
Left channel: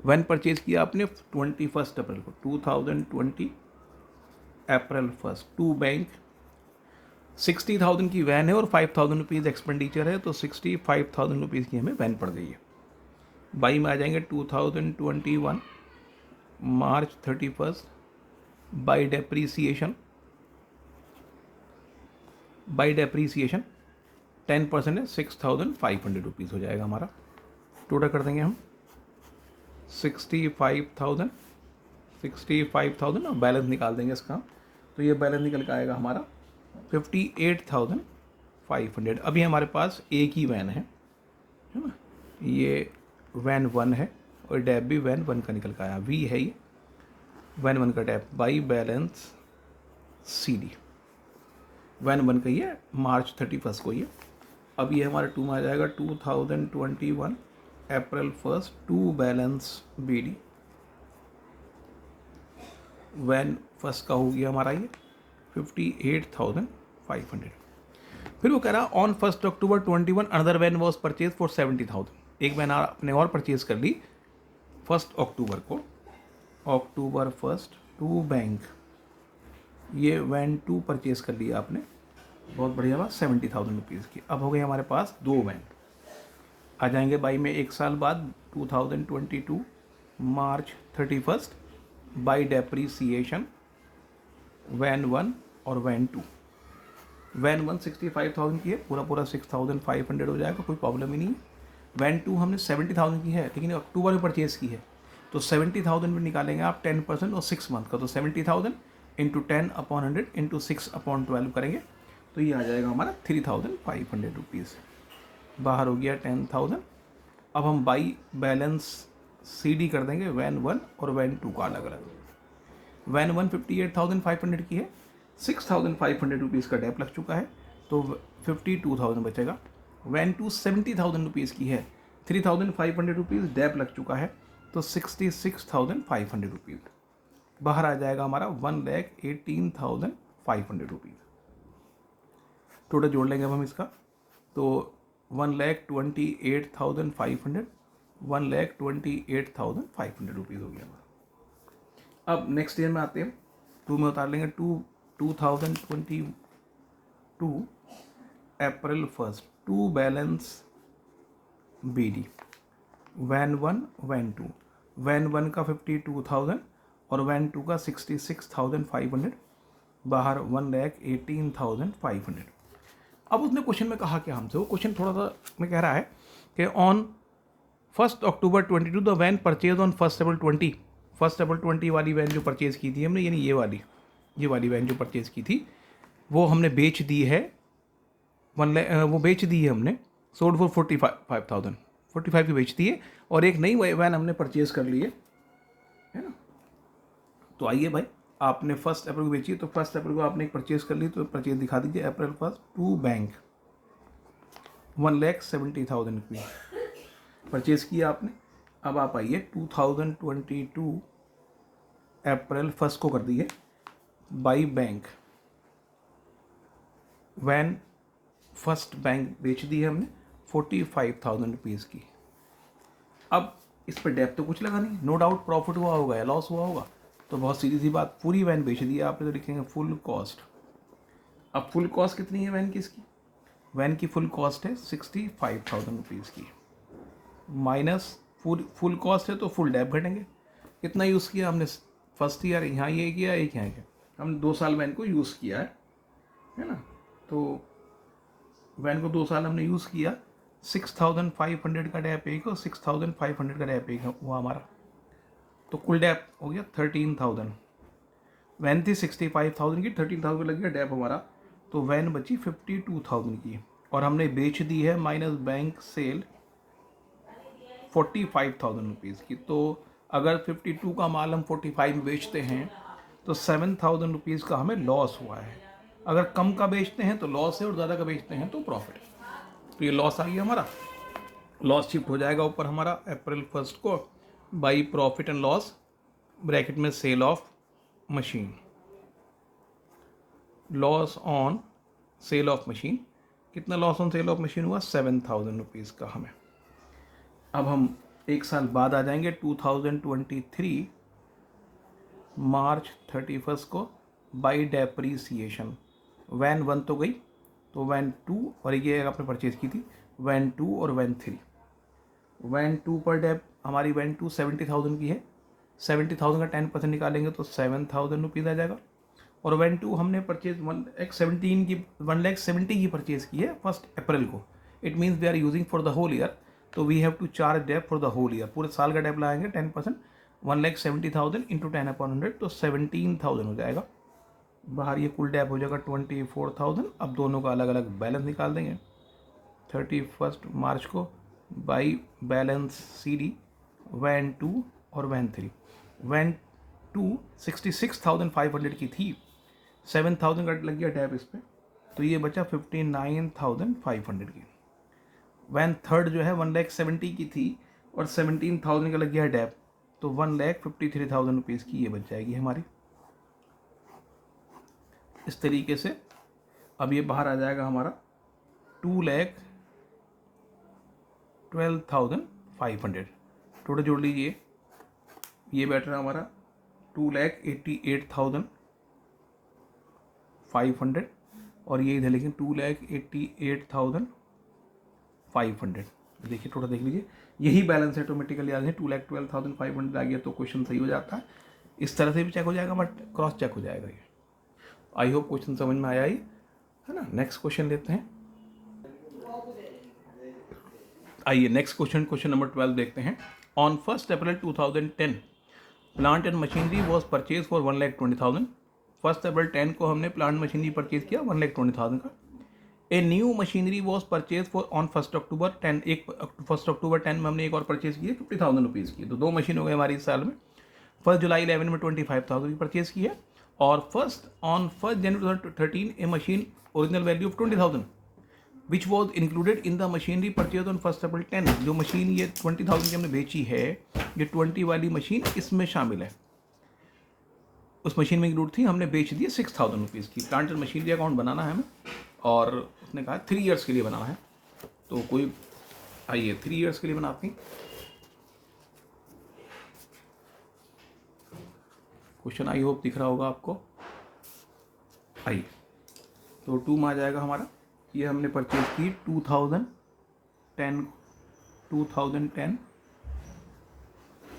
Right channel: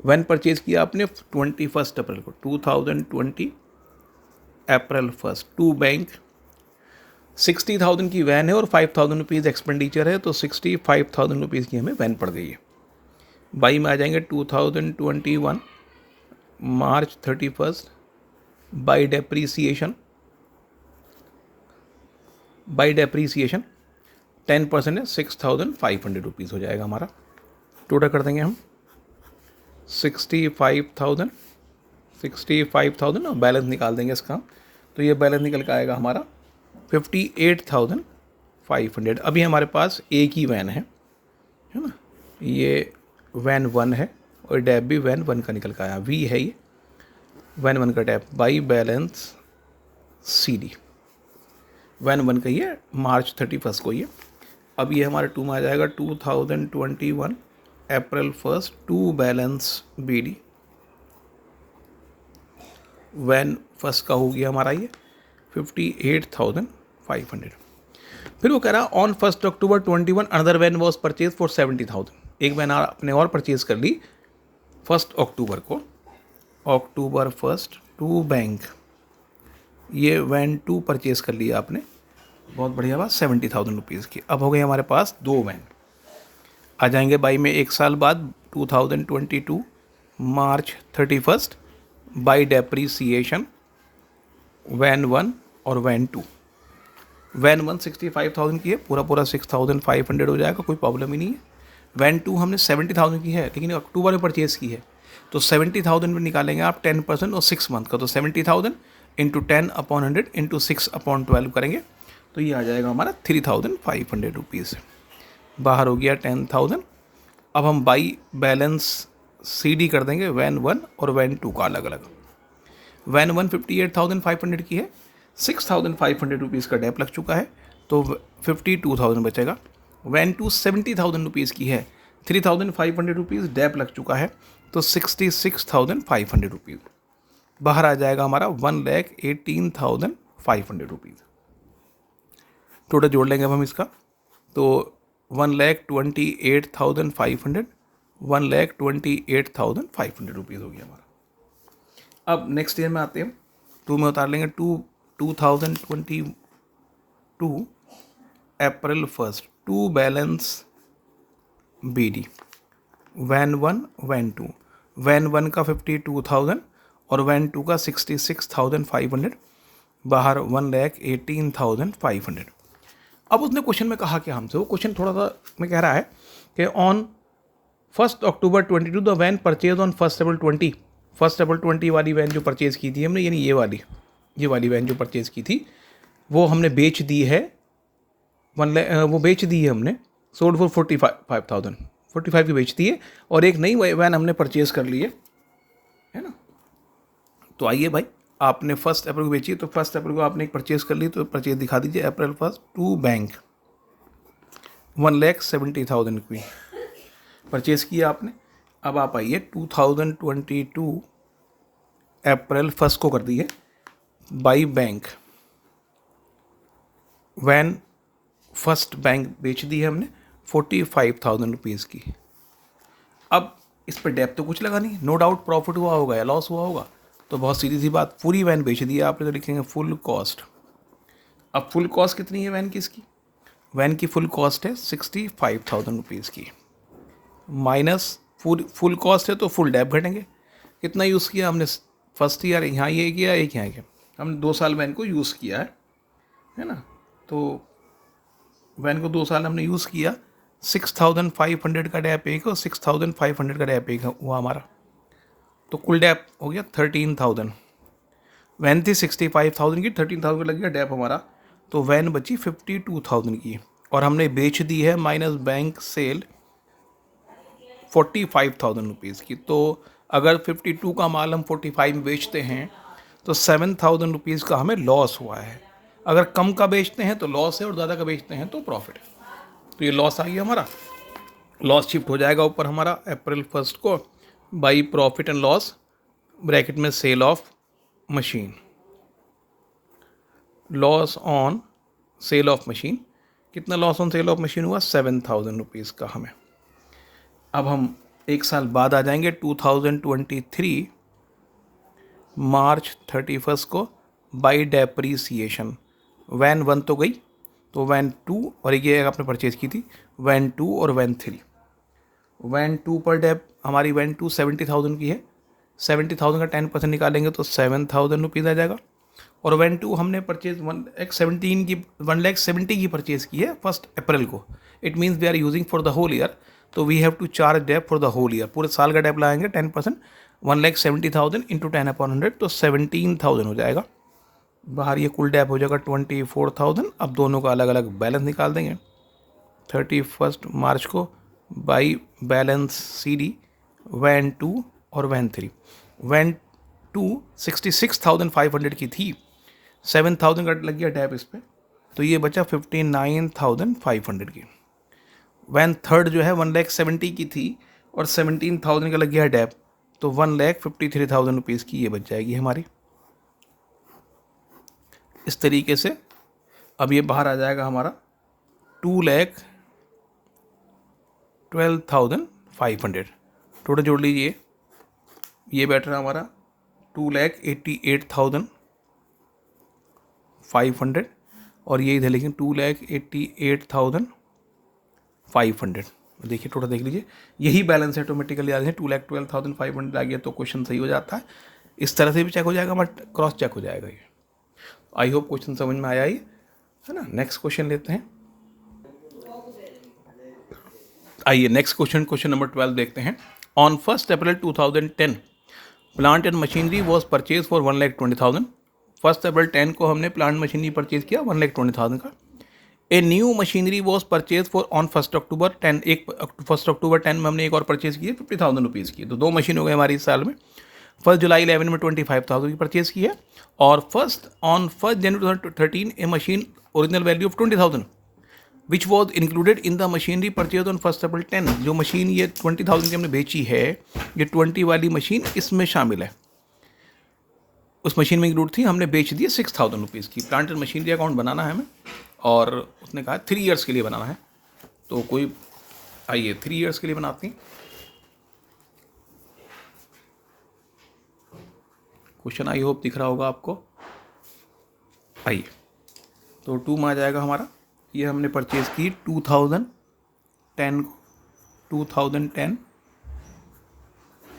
वैन परचेज़ किया आपने 21 अप्रैल को, 2020 अप्रैल 1। टू बैंक 60,000 की वैन है और 5,000 रुपीज़ एक्सपेंडिचर है, तो 65,000 रुपीज़ की हमें वैन पड़ गई है। बाई में आ जाएंगे 2021 मार्च 31 बाई डेप्रीसिएशन 10% है, 6,500 रुपीज़ हो जाएगा हमारा। टोटल कर देंगे हम 65,000 और बैलेंस निकाल देंगे इसका, तो ये बैलेंस निकल के आएगा हमारा 58,500। अभी हमारे पास एक ही वैन है ना, ये वैन 1 है और डैप भी वैन 1 का निकल के आया, वी है ये वैन 1 का dep by balance C D van 1 का ही है, मार्च 31 को ये। अब ये हमारा 2 में आ जाएगा 2021 April 1 to balance B D van 1 का हो गया हमारा ये 58,500। फिर वो कह रहा on 1 October 21 another van was purchase for 70,000। एक वैन आपने और परचेज कर ली 1 अक्टूबर को, अक्टूबर 1 टू बैंक, ये वैन 2 परचेज कर लिया आपने, बहुत बढ़िया बात, 70,000 रुपीज़ की। अब हो गई हमारे पास 2 वैन, आ जाएंगे बाई में 1 साल बाद 2022 मार्च 31 बाई डेप्रीसिएशन वैन 1 और वैन 2। वैन 1 65,000 की है, पूरा पूरा 6,500 हो जाएगा, कोई प्रॉब्लम ही नहीं है। वैन 2 हमने 70,000 की है, लेकिन अक्टूबर में परचेज़ की है, तो 70,000 में निकालेंगे आप 10% और 6 मंथ का, तो 70,000 इंटू 10/100 इंटू 6/12 करेंगे, तो ये आ जाएगा हमारा 3,500 रुपीज़। बाहर हो गया 10,000। अब हम बाई बैलेंस CD कर देंगे वैन 1 और वैन 2 का अलग अलग। वैन 1 58,500 की है, 6,500 रुपीज़ का डेप लग चुका है, तो 52,000 बचेगा। वैन 2 70,000 रुपीज़ की है, 3,500 रुपीज़ डेप लग चुका है, तो 66,500 रुपीज़। बाहर आ जाएगा हमारा 1,18,500 रुपीज़। टोटल जोड़ लेंगे अब हम इसका, तो 1,28,500, 1,28,500 रुपीज़ हो गया हमारा। अब नेक्स्ट ईयर में आते हैं, 2 में उतार लेंगे। 2022 April 1 to balance BD van 1 van 2। Van 1 का 52,000 और वैन 2 का 66,500, बाहर 1,18,500। अब उसने क्वेश्चन में कहा क्या हमसे, वो क्वेश्चन थोड़ा सा में कह रहा है कि on 1 October 22 the van purchase on 1 April 20। 1 April 20 वाली वैन जो परचेज़ की थी हमने, यानी ये वाली वैन जो परचेज़ की थी, वो हमने बेच दी है, वो बेच दी है हमने, सोल्ड फॉर 45,000, 45 की बेच दी है, और एक नई वैन हमने परचेज़ कर ली है ना। तो आइए भाई, आपने 1 अप्रैल को बेची, तो 1 अप्रैल को आपने एक परचेज़ कर ली, तो परचेज़ दिखा दीजिए। अप्रैल 1 टू बैंक 1,70,000 की परचेज़ किया आपने। अब आप आइए 2022 अप्रैल 1 को कर दिए बाई बैंक वैन 1 बैंक बेच दी है हमने 45,000 रुपीज़ की। अब इस पर डेप तो कुछ लगा नहीं, नो डाउट प्रॉफिट हुआ होगा या लॉस हुआ होगा, तो बहुत सीधी सी बात, पूरी वैन बेच दी है आपने, तो लिखेंगे फुल कॉस्ट। अब फुल कॉस्ट कितनी है वैन की, इसकी वैन की फुल कॉस्ट है 65,000 रुपीज़ की, माइनस फुल कॉस्ट है तो फुल डेप घटेंगे। कितना यूज़ किया हमने, फर्स्ट ईयर यहाँ ये किया, एक यहाँ किया, हमने 2 साल वैन को यूज़ किया है ना। तो वैन को 2 साल हमने यूज़ किया, 6,500 का डैप एक और 6,500 का डैप एक हुआ हमारा, तो कुल डैप हो गया 13,000। वैन थी 65,000 की, 13,000 लग गया डैप हमारा, तो वैन बची 52,000 की, और हमने बेच दी है माइनस बैंक सेल 45,000 रुपीज़ की। तो अगर 52 का माल हम 45 में बेचते हैं तो 7,000 रुपीज़ का हमें लॉस हुआ है। अगर कम का बेचते हैं तो लॉस है, और ज़्यादा का बेचते हैं तो प्रॉफिट है। तो ये लॉस आ गया हमारा, लॉस शिफ्ट हो जाएगा ऊपर हमारा अप्रैल 1 को by profit and loss bracket में sale of machine, loss on sale of machine. कितना loss on sale of machine हुआ, 7,000 रुपीज़ का हमें। अब हम एक साल बाद आ जाएंगे 2023 मार्च 31 को बाई डेप्रीसिएशन। वैन 1 तो गई, तो वैन 2 और ये आपने परचेज़ की थी, वैन 2 और वैन 3। वैन 2 पर डेप हमारी वैन 2 70,000 की है, 70,000 का 10% निकालेंगे तो 7,000 रुपीज़ आ जाएगा। और वैन 2 हमने परचेज 1,70,000 की परचेज़ की है 1 अप्रैल को। It means we are using for the whole year, तो we have to charge dep for the whole year, पूरे साल का डेप लगाएंगे 10%, 1,70,000 इंटू 10/100, तो 17,000 हो जाएगा। बाहर ये कुल डेप हो जाएगा 24,000। अब दोनों का अलग अलग बैलेंस निकाल देंगे 31 मार्च को बाई बैलेंस CD वैन 2 और वैन 3। वैन 2 66,500 की थी, 7,000 का लग गया डेप इस पर, तो ये बचा 59,500 की। वैन 3 जो है 1,70,000 की थी और 17,000 का लग गया डेप, तो 1,53,000 रुपीज़ की ये बच जाएगी हमारी। इस तरीके से अब ये बाहर आ जाएगा हमारा 2,12,500। टोटल जोड़ लीजिए, ये बैठ रहा हमारा 2,88,500, और ये इधर लिखें 2,88,500। देखिए टोटल देख लीजिए, यही बैलेंस ऑटोमेटिकली आ रहे हैं, 2,12,500 आ गया तो क्वेश्चन सही हो जाता है। इस तरह से भी चेक हो जाएगा, बट क्रॉस चेक हो जाएगा ये। आई होप क्वेश्चन समझ में आया ही है ना। नेक्स्ट क्वेश्चन लेते हैं। आइए नेक्स्ट क्वेश्चन, क्वेश्चन नंबर 12 देखते हैं। On 1 April 2010 plant and machinery was purchase for 1,20,000। 1 अप्रैल 10 को हमने प्लांट मशीनरी परचेज किया 1,20,000 का। A new machinery was purchase for on 1 अक्टूबर 10, 1 अक्टूबर 10 में हमने एक और परचेज किया 50,000 रुपीज़ की। तो 2 मशीन हो गए हमारी इस साल में। 1 जुलाई 11 में 25,000 की परचेज की है, और on 1 January 2013 A machine original value of 20,000 which was included in the machinery purchase on 1 अप्रैल 10। जो मशीन ये 20,000 की हमने बेची है, ये 20 वाली मशीन इसमें शामिल है। उस मशीन में इंक्लूड थी, हमने बेच दी 6,000 रुपीज़ की। प्लांट एंड मशीनरी अकाउंट बनाना है हमें, और उसने कहा 3 ईयर्स के लिए बनाना है। तो कोई आइए 3 ईयर्स के लिए बनाती। क्वेश्चन आई होप दिख रहा होगा आपको। आइए, तो 2 में आ जाएगा हमारा। ये हमने परचेज की 2010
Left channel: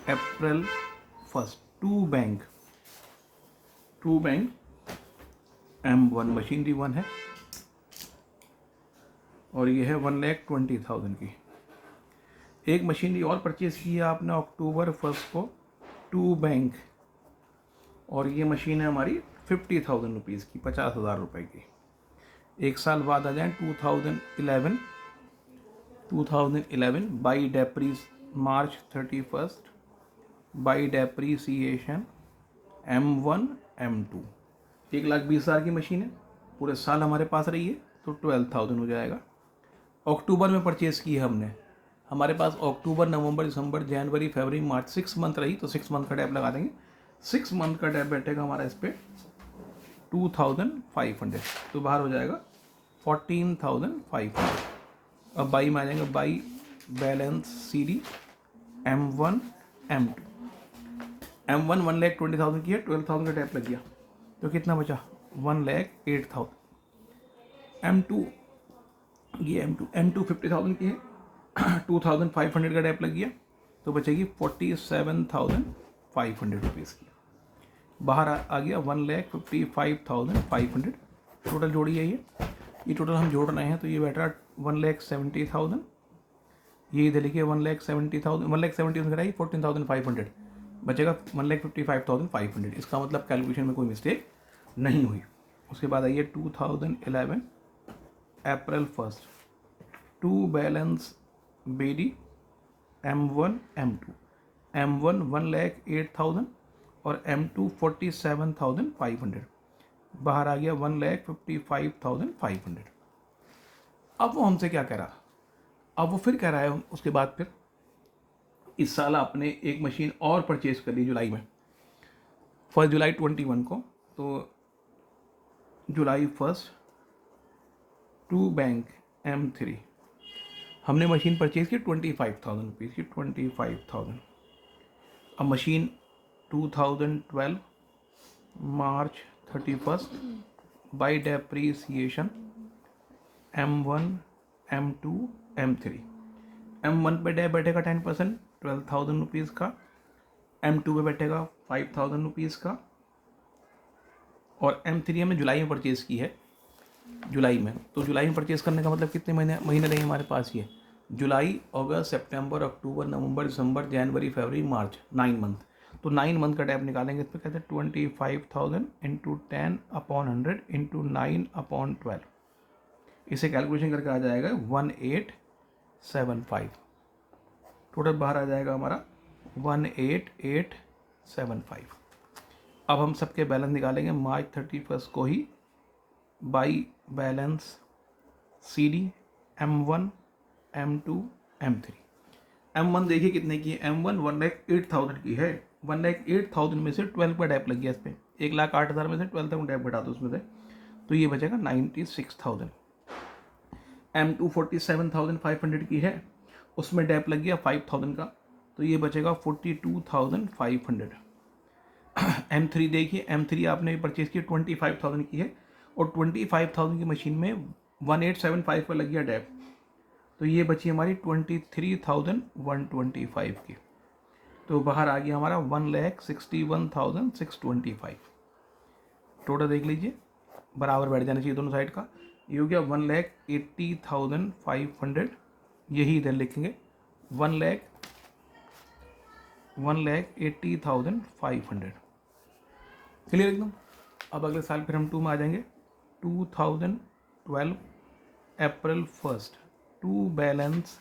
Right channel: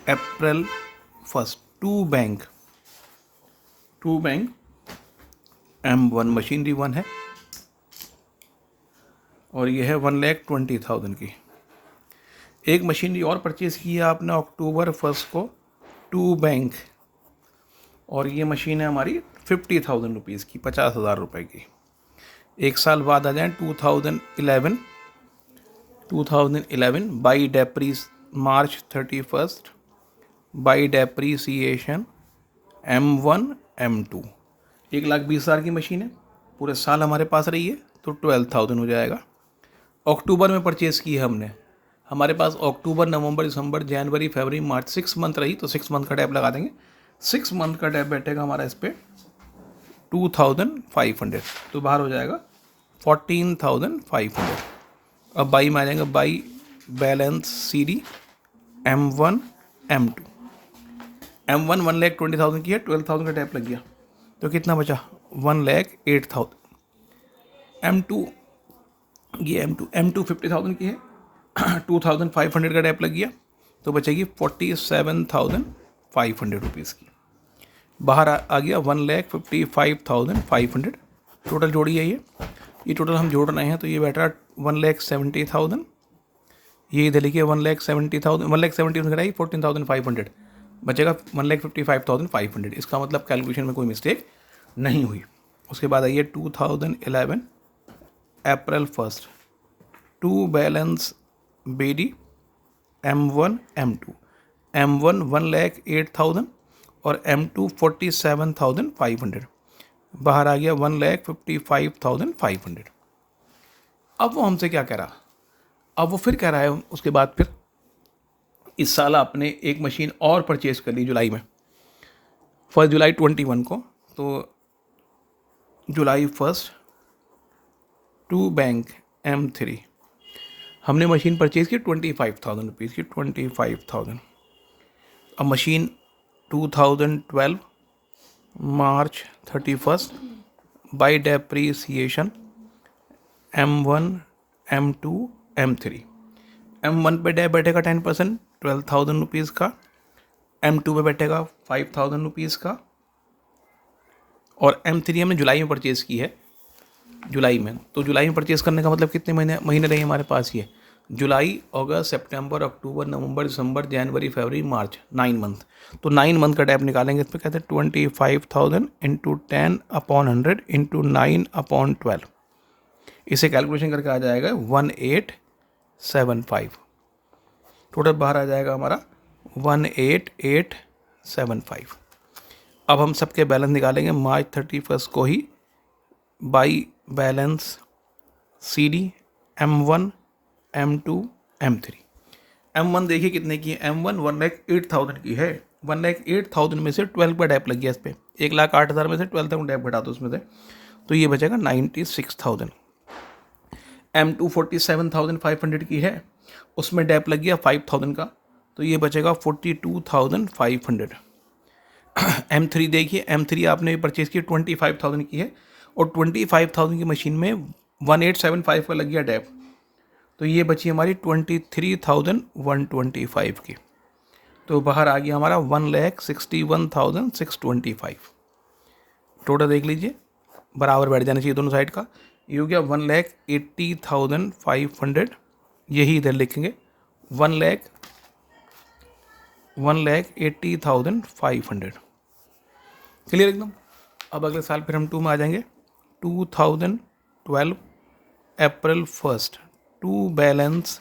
अप्रैल 1 टू बैंक M1 मशीनरी 1 है, और ये है 1,20,000 की। एक मशीनरी और परचेज़ की है आपने अक्टूबर 1 को टू बैंक, और ये मशीन है हमारी 50,000 रुपीज़ की, 50,000 रुपये की। एक साल बाद आ जाए 2011 by March 31 by depreciation M1 M2। 1,20,000 की मशीन है, पूरे साल हमारे पास रही है तो 12,000 हो जाएगा। अक्टूबर में परचेज़ की है हमने, हमारे पास अक्टूबर नवंबर दिसंबर जनवरी फरवरी मार्च 6 मंथ रही, तो 6 मंथ का टैप लगा देंगे। 6 मंथ का टैप बैठेगा हमारा इस पर 2,500, तो बाहर हो जाएगा 14,500। अब बाई में आ जाएगा by balance CD M1 M2। M1 1,20,000 की है, 12,000 का टैप लग गया, तो कितना बचा 1,08,000। M2 50,000 की है, 2,500 का टैप लग गया, तो बचेगी 47,500 रुपीज़ की। बाहर आ गया 1,55,500। टोटल जोड़ी है ये टोटल हम जोड़ रहे हैं, तो ये बैठ रहा 1,70,000। ये इधर लिखिए 1,70,000, 1,70,000 घटाई 14,500, बचेगा 1,55,500। इसका मतलब कैलकुलेशन में कोई मिस्टेक नहीं हुई। उसके बाद आइए 2011 अप्रैल 1 to balance BD M1 M2। M1 1,08,000 और M2 47,500, बाहर आ गया 1,55,500। अब वो हमसे क्या कह रहा, अब वो फिर कह रहा है उसके बाद फिर इस साल आपने एक मशीन और परचेज कर ली जुलाई में, 1 जुलाई 21 को। तो जुलाई 1 टू बैंक M3 हमने मशीन परचेज की 25,000 रुपीज़ की, 25,000। अब machine 2012 March 31 by depreciation M1 M2 M3। M1 पे डेप बैठेगा 10%, 12,000 रुपीज़ का। M2 पे बैठेगा 5,000 रुपीज़ का, और M3 हमने जुलाई में परचेज़ की है, जुलाई में। तो जुलाई में परचेज़ करने का मतलब कितने महीने रहे हमारे पास ये, जुलाई अगस्त सितंबर अक्टूबर नवंबर दिसंबर जनवरी फरवरी मार्च, 9 मंथ। तो 9 मंथ का टैप निकालेंगे, इस पर कहते हैं 25,000 इंटू 10/100 इंटू 9/12। इसे कैलकुलेशन करके आ जाएगा 1,875। टोटल बाहर आ जाएगा हमारा 1,875। अब हम सबके बैलेंस निकालेंगे मार्च 31 को ही by balance CD M1 M2 M3। M1 देखिए कितने की है, M1 1,08,000 की है। 1,08,000 में से 12 का डैप लग गया इस पर, 1,08,000 में से 12,000 डैप घटा दो उसमें से, तो ये बचेगा 96,000। M2 47,500 की है, उसमें डैप लग गया 5,000 का, तो ये बचेगा 42,500। M3 देखिए, M3 आपने परचेज की 25,000 की है, और 25,000 की मशीन में 1,875 का लग गया डैप, तो ये बची हमारी 23,125 की। तो बाहर आ गया हमारा 1,61,625। टोटल देख लीजिए, बराबर बैठ जाना चाहिए दोनों साइड का। ये हो गया 1,80,500। यही इधर लिखेंगे 1,80,500। क्लियर एकदम। अब अगले साल फिर हम 2 में आ जाएंगे। 2012 अप्रैल 1 to balance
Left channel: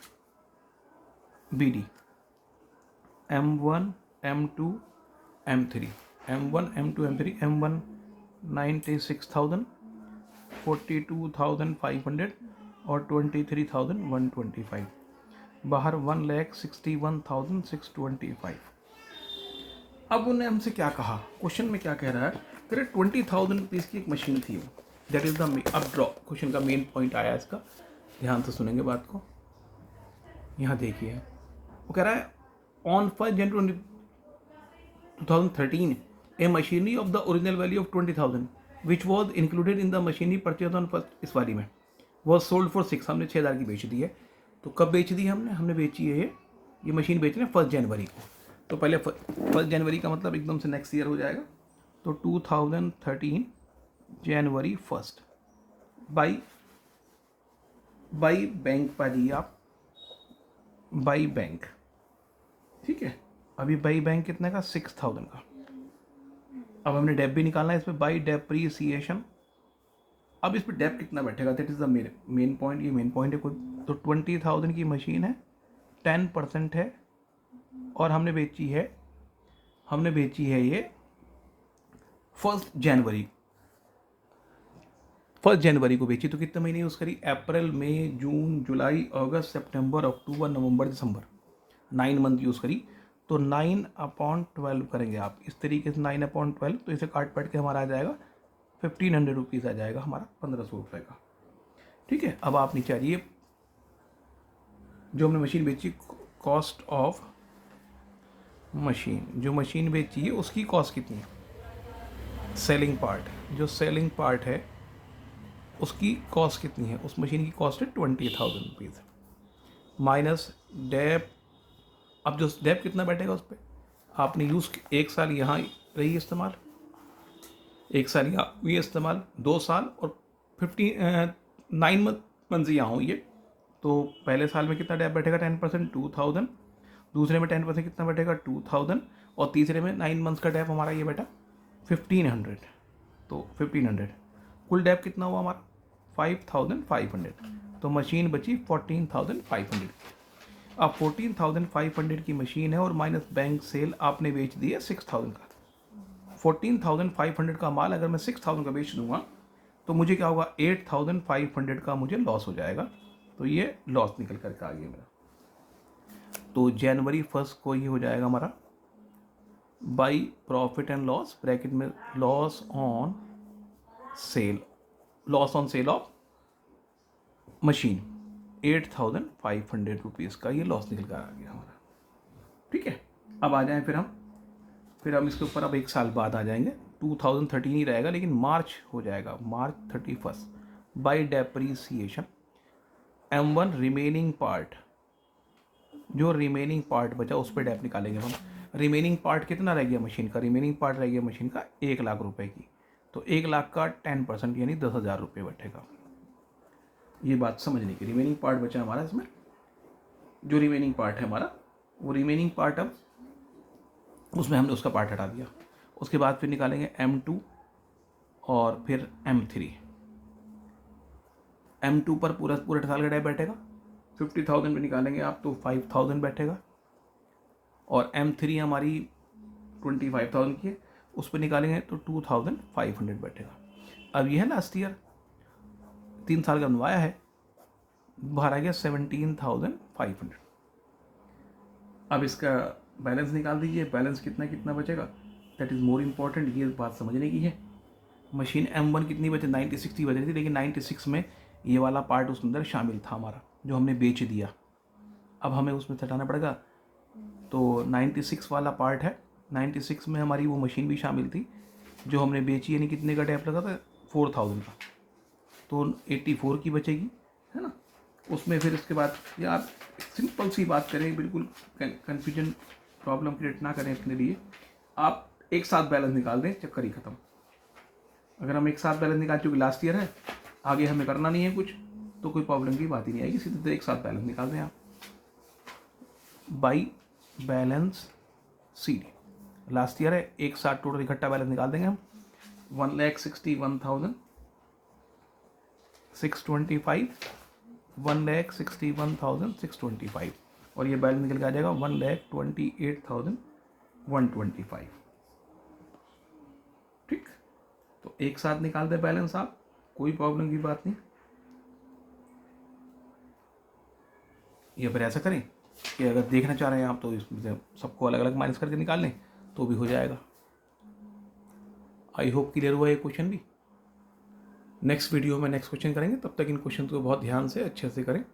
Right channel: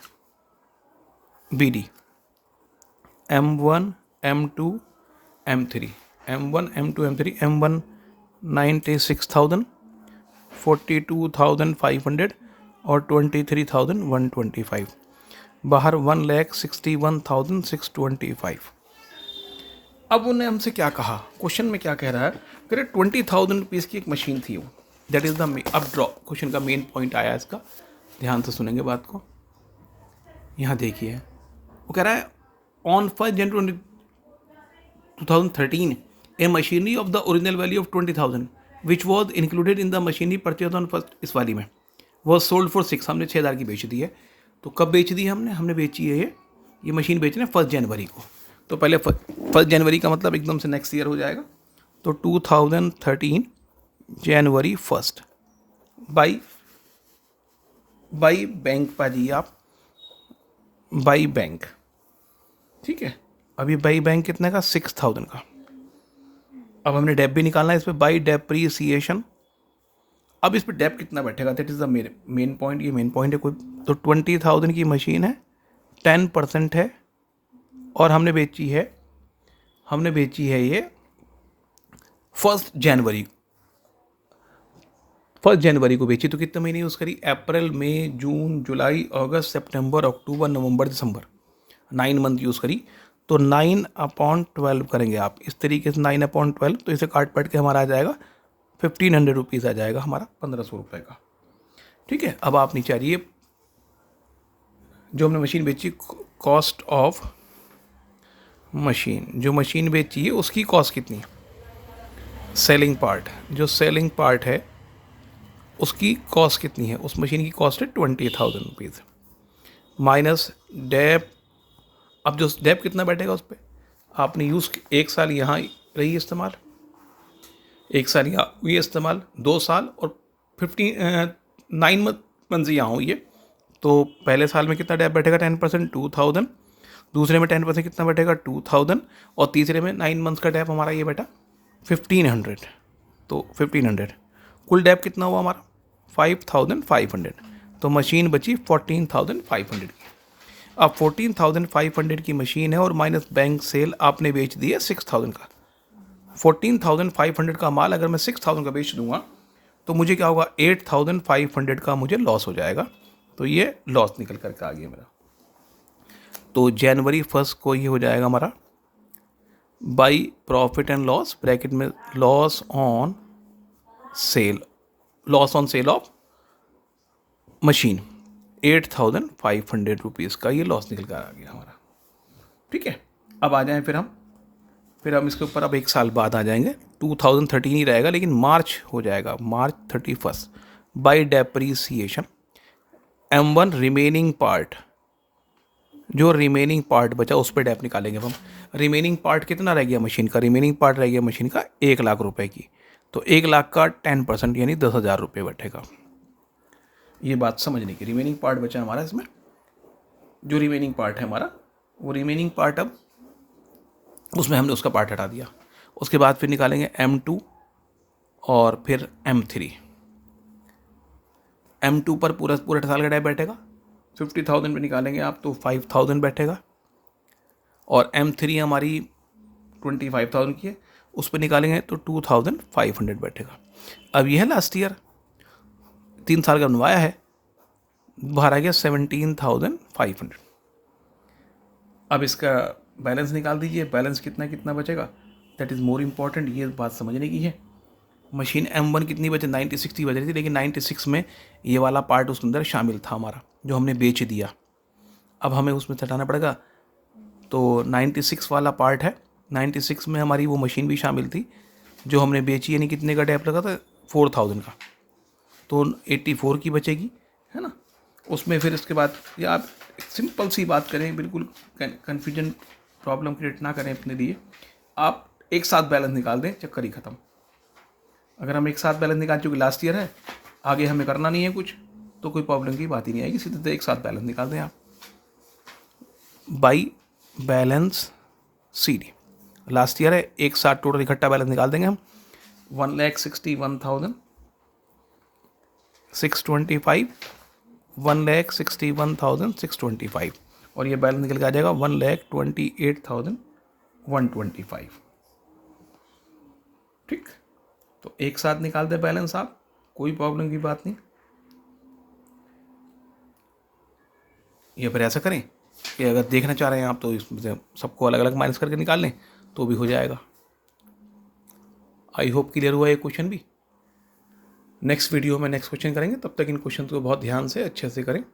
BD M1 M2 M3 M1 M2 M3 M1 96,000 42,500 और 23,125। बाहर 1,61,625। अब उन्होंने हमसे क्या कहा, क्वेश्चन में क्या कह रहा है, कह रहे 20,000 रुपीज़ की एक मशीन थी वो। दैट इज़ द अब ड्रॉ क्वेश्चन का मेन पॉइंट आया इसका, ध्यान से सुनेंगे बात को। यहाँ देखिए, वो कह रहा है on 1 January 2013 A machinery of the original value of 20,000 which was included in the machinery purchase on first, इस वाली में वॉज सोल्ड फॉर 6, हमने 6,000 की बेच दी है। तो कब बेच दी हमने बेची है ये मशीन बेच रहे हैं 1 जनवरी को। तो पहले 1 जनवरी का मतलब एकदम से नेक्स्ट ईयर हो जाएगा। तो 2013 जनवरी 1 बाई बैंक पाजी आप, बाई बैंक, ठीक है। अभी बाई बैंक कितने का, 6,000 का। अब हमने डेप भी निकालना है इस पर, बाई डेप्रीसिएशन। अब इस पर डेप कितना बैठेगा, that is the main point. ये मेन पॉइंट है कोई। तो 20,000 की मशीन है, 10% है, और हमने बेची है ये 1 जनवरी को बेची। तो कितने महीने यूज़ करी, अप्रैल मई जून जुलाई अगस्त सितंबर अक्टूबर नवंबर दिसंबर, 9 मंथ यूज़ करी। तो 9/12 करेंगे आप इस तरीके से, 9/12। तो इसे काट के हमारा आ जाएगा 1,500 रुपीज़ आ जाएगा हमारा, 1,500 रुपये का, ठीक है। अब आप नीचे आ जाइए, जो हमने मशीन बेची, कॉस्ट ऑफ मशीन, जो मशीन बेची है उसकी कॉस्ट कितनी है, सेलिंग पार्ट, जो सेलिंग पार्ट है उसकी कॉस्ट कितनी है, उस मशीन की कॉस्ट है 20,000 रुपीज़ माइनस डेप। अब जो डेप कितना बैठेगा उस पर, आपने यूज़ 1 साल यहाँ रही इस्तेमाल, 1 साल यहाँ हुई इस्तेमाल, 2 साल और 9 मंथ यहाँ हुई है। तो पहले साल में कितना डेप बैठेगा, 10%, 2,000। दूसरे में 10% कितना बैठेगा, 2,000। और तीसरे में 9 मंथ का डेप हमारा ये बैठा 1,500। तो 1,500 कुल डेप कितना हुआ हमारा, 5,500। तो मशीन बची 14,500 की। अब 14,500 की मशीन है और माइनस बैंक सेल आपने बेच दी है 6,000 का। 14,500 का माल अगर मैं 6,000 का बेच दूंगा तो मुझे क्या होगा, 8,500 का मुझे लॉस हो जाएगा। तो ये लॉस निकल करके आ गया मेरा। तो जनवरी 1 को ये हो जाएगा हमारा by profit and loss bracket में loss on sale of machine 8,500 rupees का ये लॉस निकल कर आ गया हमारा, ठीक है। अब आ जाएं फिर हम इसके ऊपर अब 1 साल बाद आ जाएंगे, 2013 ही रहेगा लेकिन मार्च हो जाएगा, मार्च 31 by depreciation M1 remaining part, जो रिमेनिंग पार्ट बचा उस पर डेप निकालेंगे हम। रिमेनिंग पार्ट कितना रह गया मशीन का, रिमेनिंग पार्ट रह गया मशीन का 1 लाख रुपए की। तो 1 लाख का 10% यानी 10,000 रुपये बैठेगा। ये बात समझने की, रिमेनिंग पार्ट बचा हमारा इसमें, जो रिमेनिंग पार्ट है हमारा वो रिमेनिंग पार्ट, अब उसमें हमने उसका पार्ट हटा दिया। उसके बाद फिर निकालेंगे M2 और फिर M3। M2 पर पूरा साल का डेप बैठेगा, 50,000 में निकालेंगे आप तो 5,000 बैठेगा। और M3 हमारी 25,000 की है, उस पर निकालेंगे तो 2,500 बैठेगा। अब यह है लास्ट ईयर 3 साल का बनवाया है, बाहर आ गया 17,500। अब इसका बैलेंस निकाल दीजिए, बैलेंस कितना बचेगा, दैट इज़ मोर इम्पॉर्टेंट, ये बात समझने की है। मशीन M1 कितनी बचे, 96 की बच रही थी, लेकिन 96 में ये वाला पार्ट उसके अंदर शामिल था हमारा, जो हमने बेच दिया। अब हमें उसमें हटाना पड़ेगा। तो 96 वाला पार्ट है, 96 में हमारी वो मशीन भी शामिल थी जो हमने बेची, यानी कितने का डेप लगा था, 4,000 का। तो 84 की बचेगी, है ना। उसमें फिर उसके बाद या आप सिंपल सी बात करें, बिल्कुल कन्फ्यूजन प्रॉब्लम क्रिएट ना करें अपने लिए, आप एक साथ बैलेंस निकाल दें, चक्कर ही खत्म। अगर हम एक साथ बैलेंस निकाल, चूँकि लास्ट ईयर है, आगे हमें करना नहीं है कुछ, तो कोई प्रॉब्लम की बात ही नहीं आएगी, सीधे एक साथ बैलेंस निकाल दें आप। By balance C D last year है, एक साथ टोटल इकट्ठा बैलेंस निकाल देंगे हम। 1,61,625, 1,61,625, और ये बैलेंस निकल के आ जाएगा 1,28,125। ठीक, तो एक साथ निकाल दे बैलेंस आप, कोई प्रॉब्लम की बात नहीं। ये फिर ऐसा करें कि अगर देखना चाह रहे हैं आप तो इसमें से सबको अलग अलग माइनस करके निकाल लें तो भी हो जाएगा। आई होप क्लियर हुआ ये क्वेश्चन भी। नेक्स्ट वीडियो में नेक्स्ट क्वेश्चन करेंगे, तब तक इन क्वेश्चन को बहुत ध्यान से अच्छे से करें।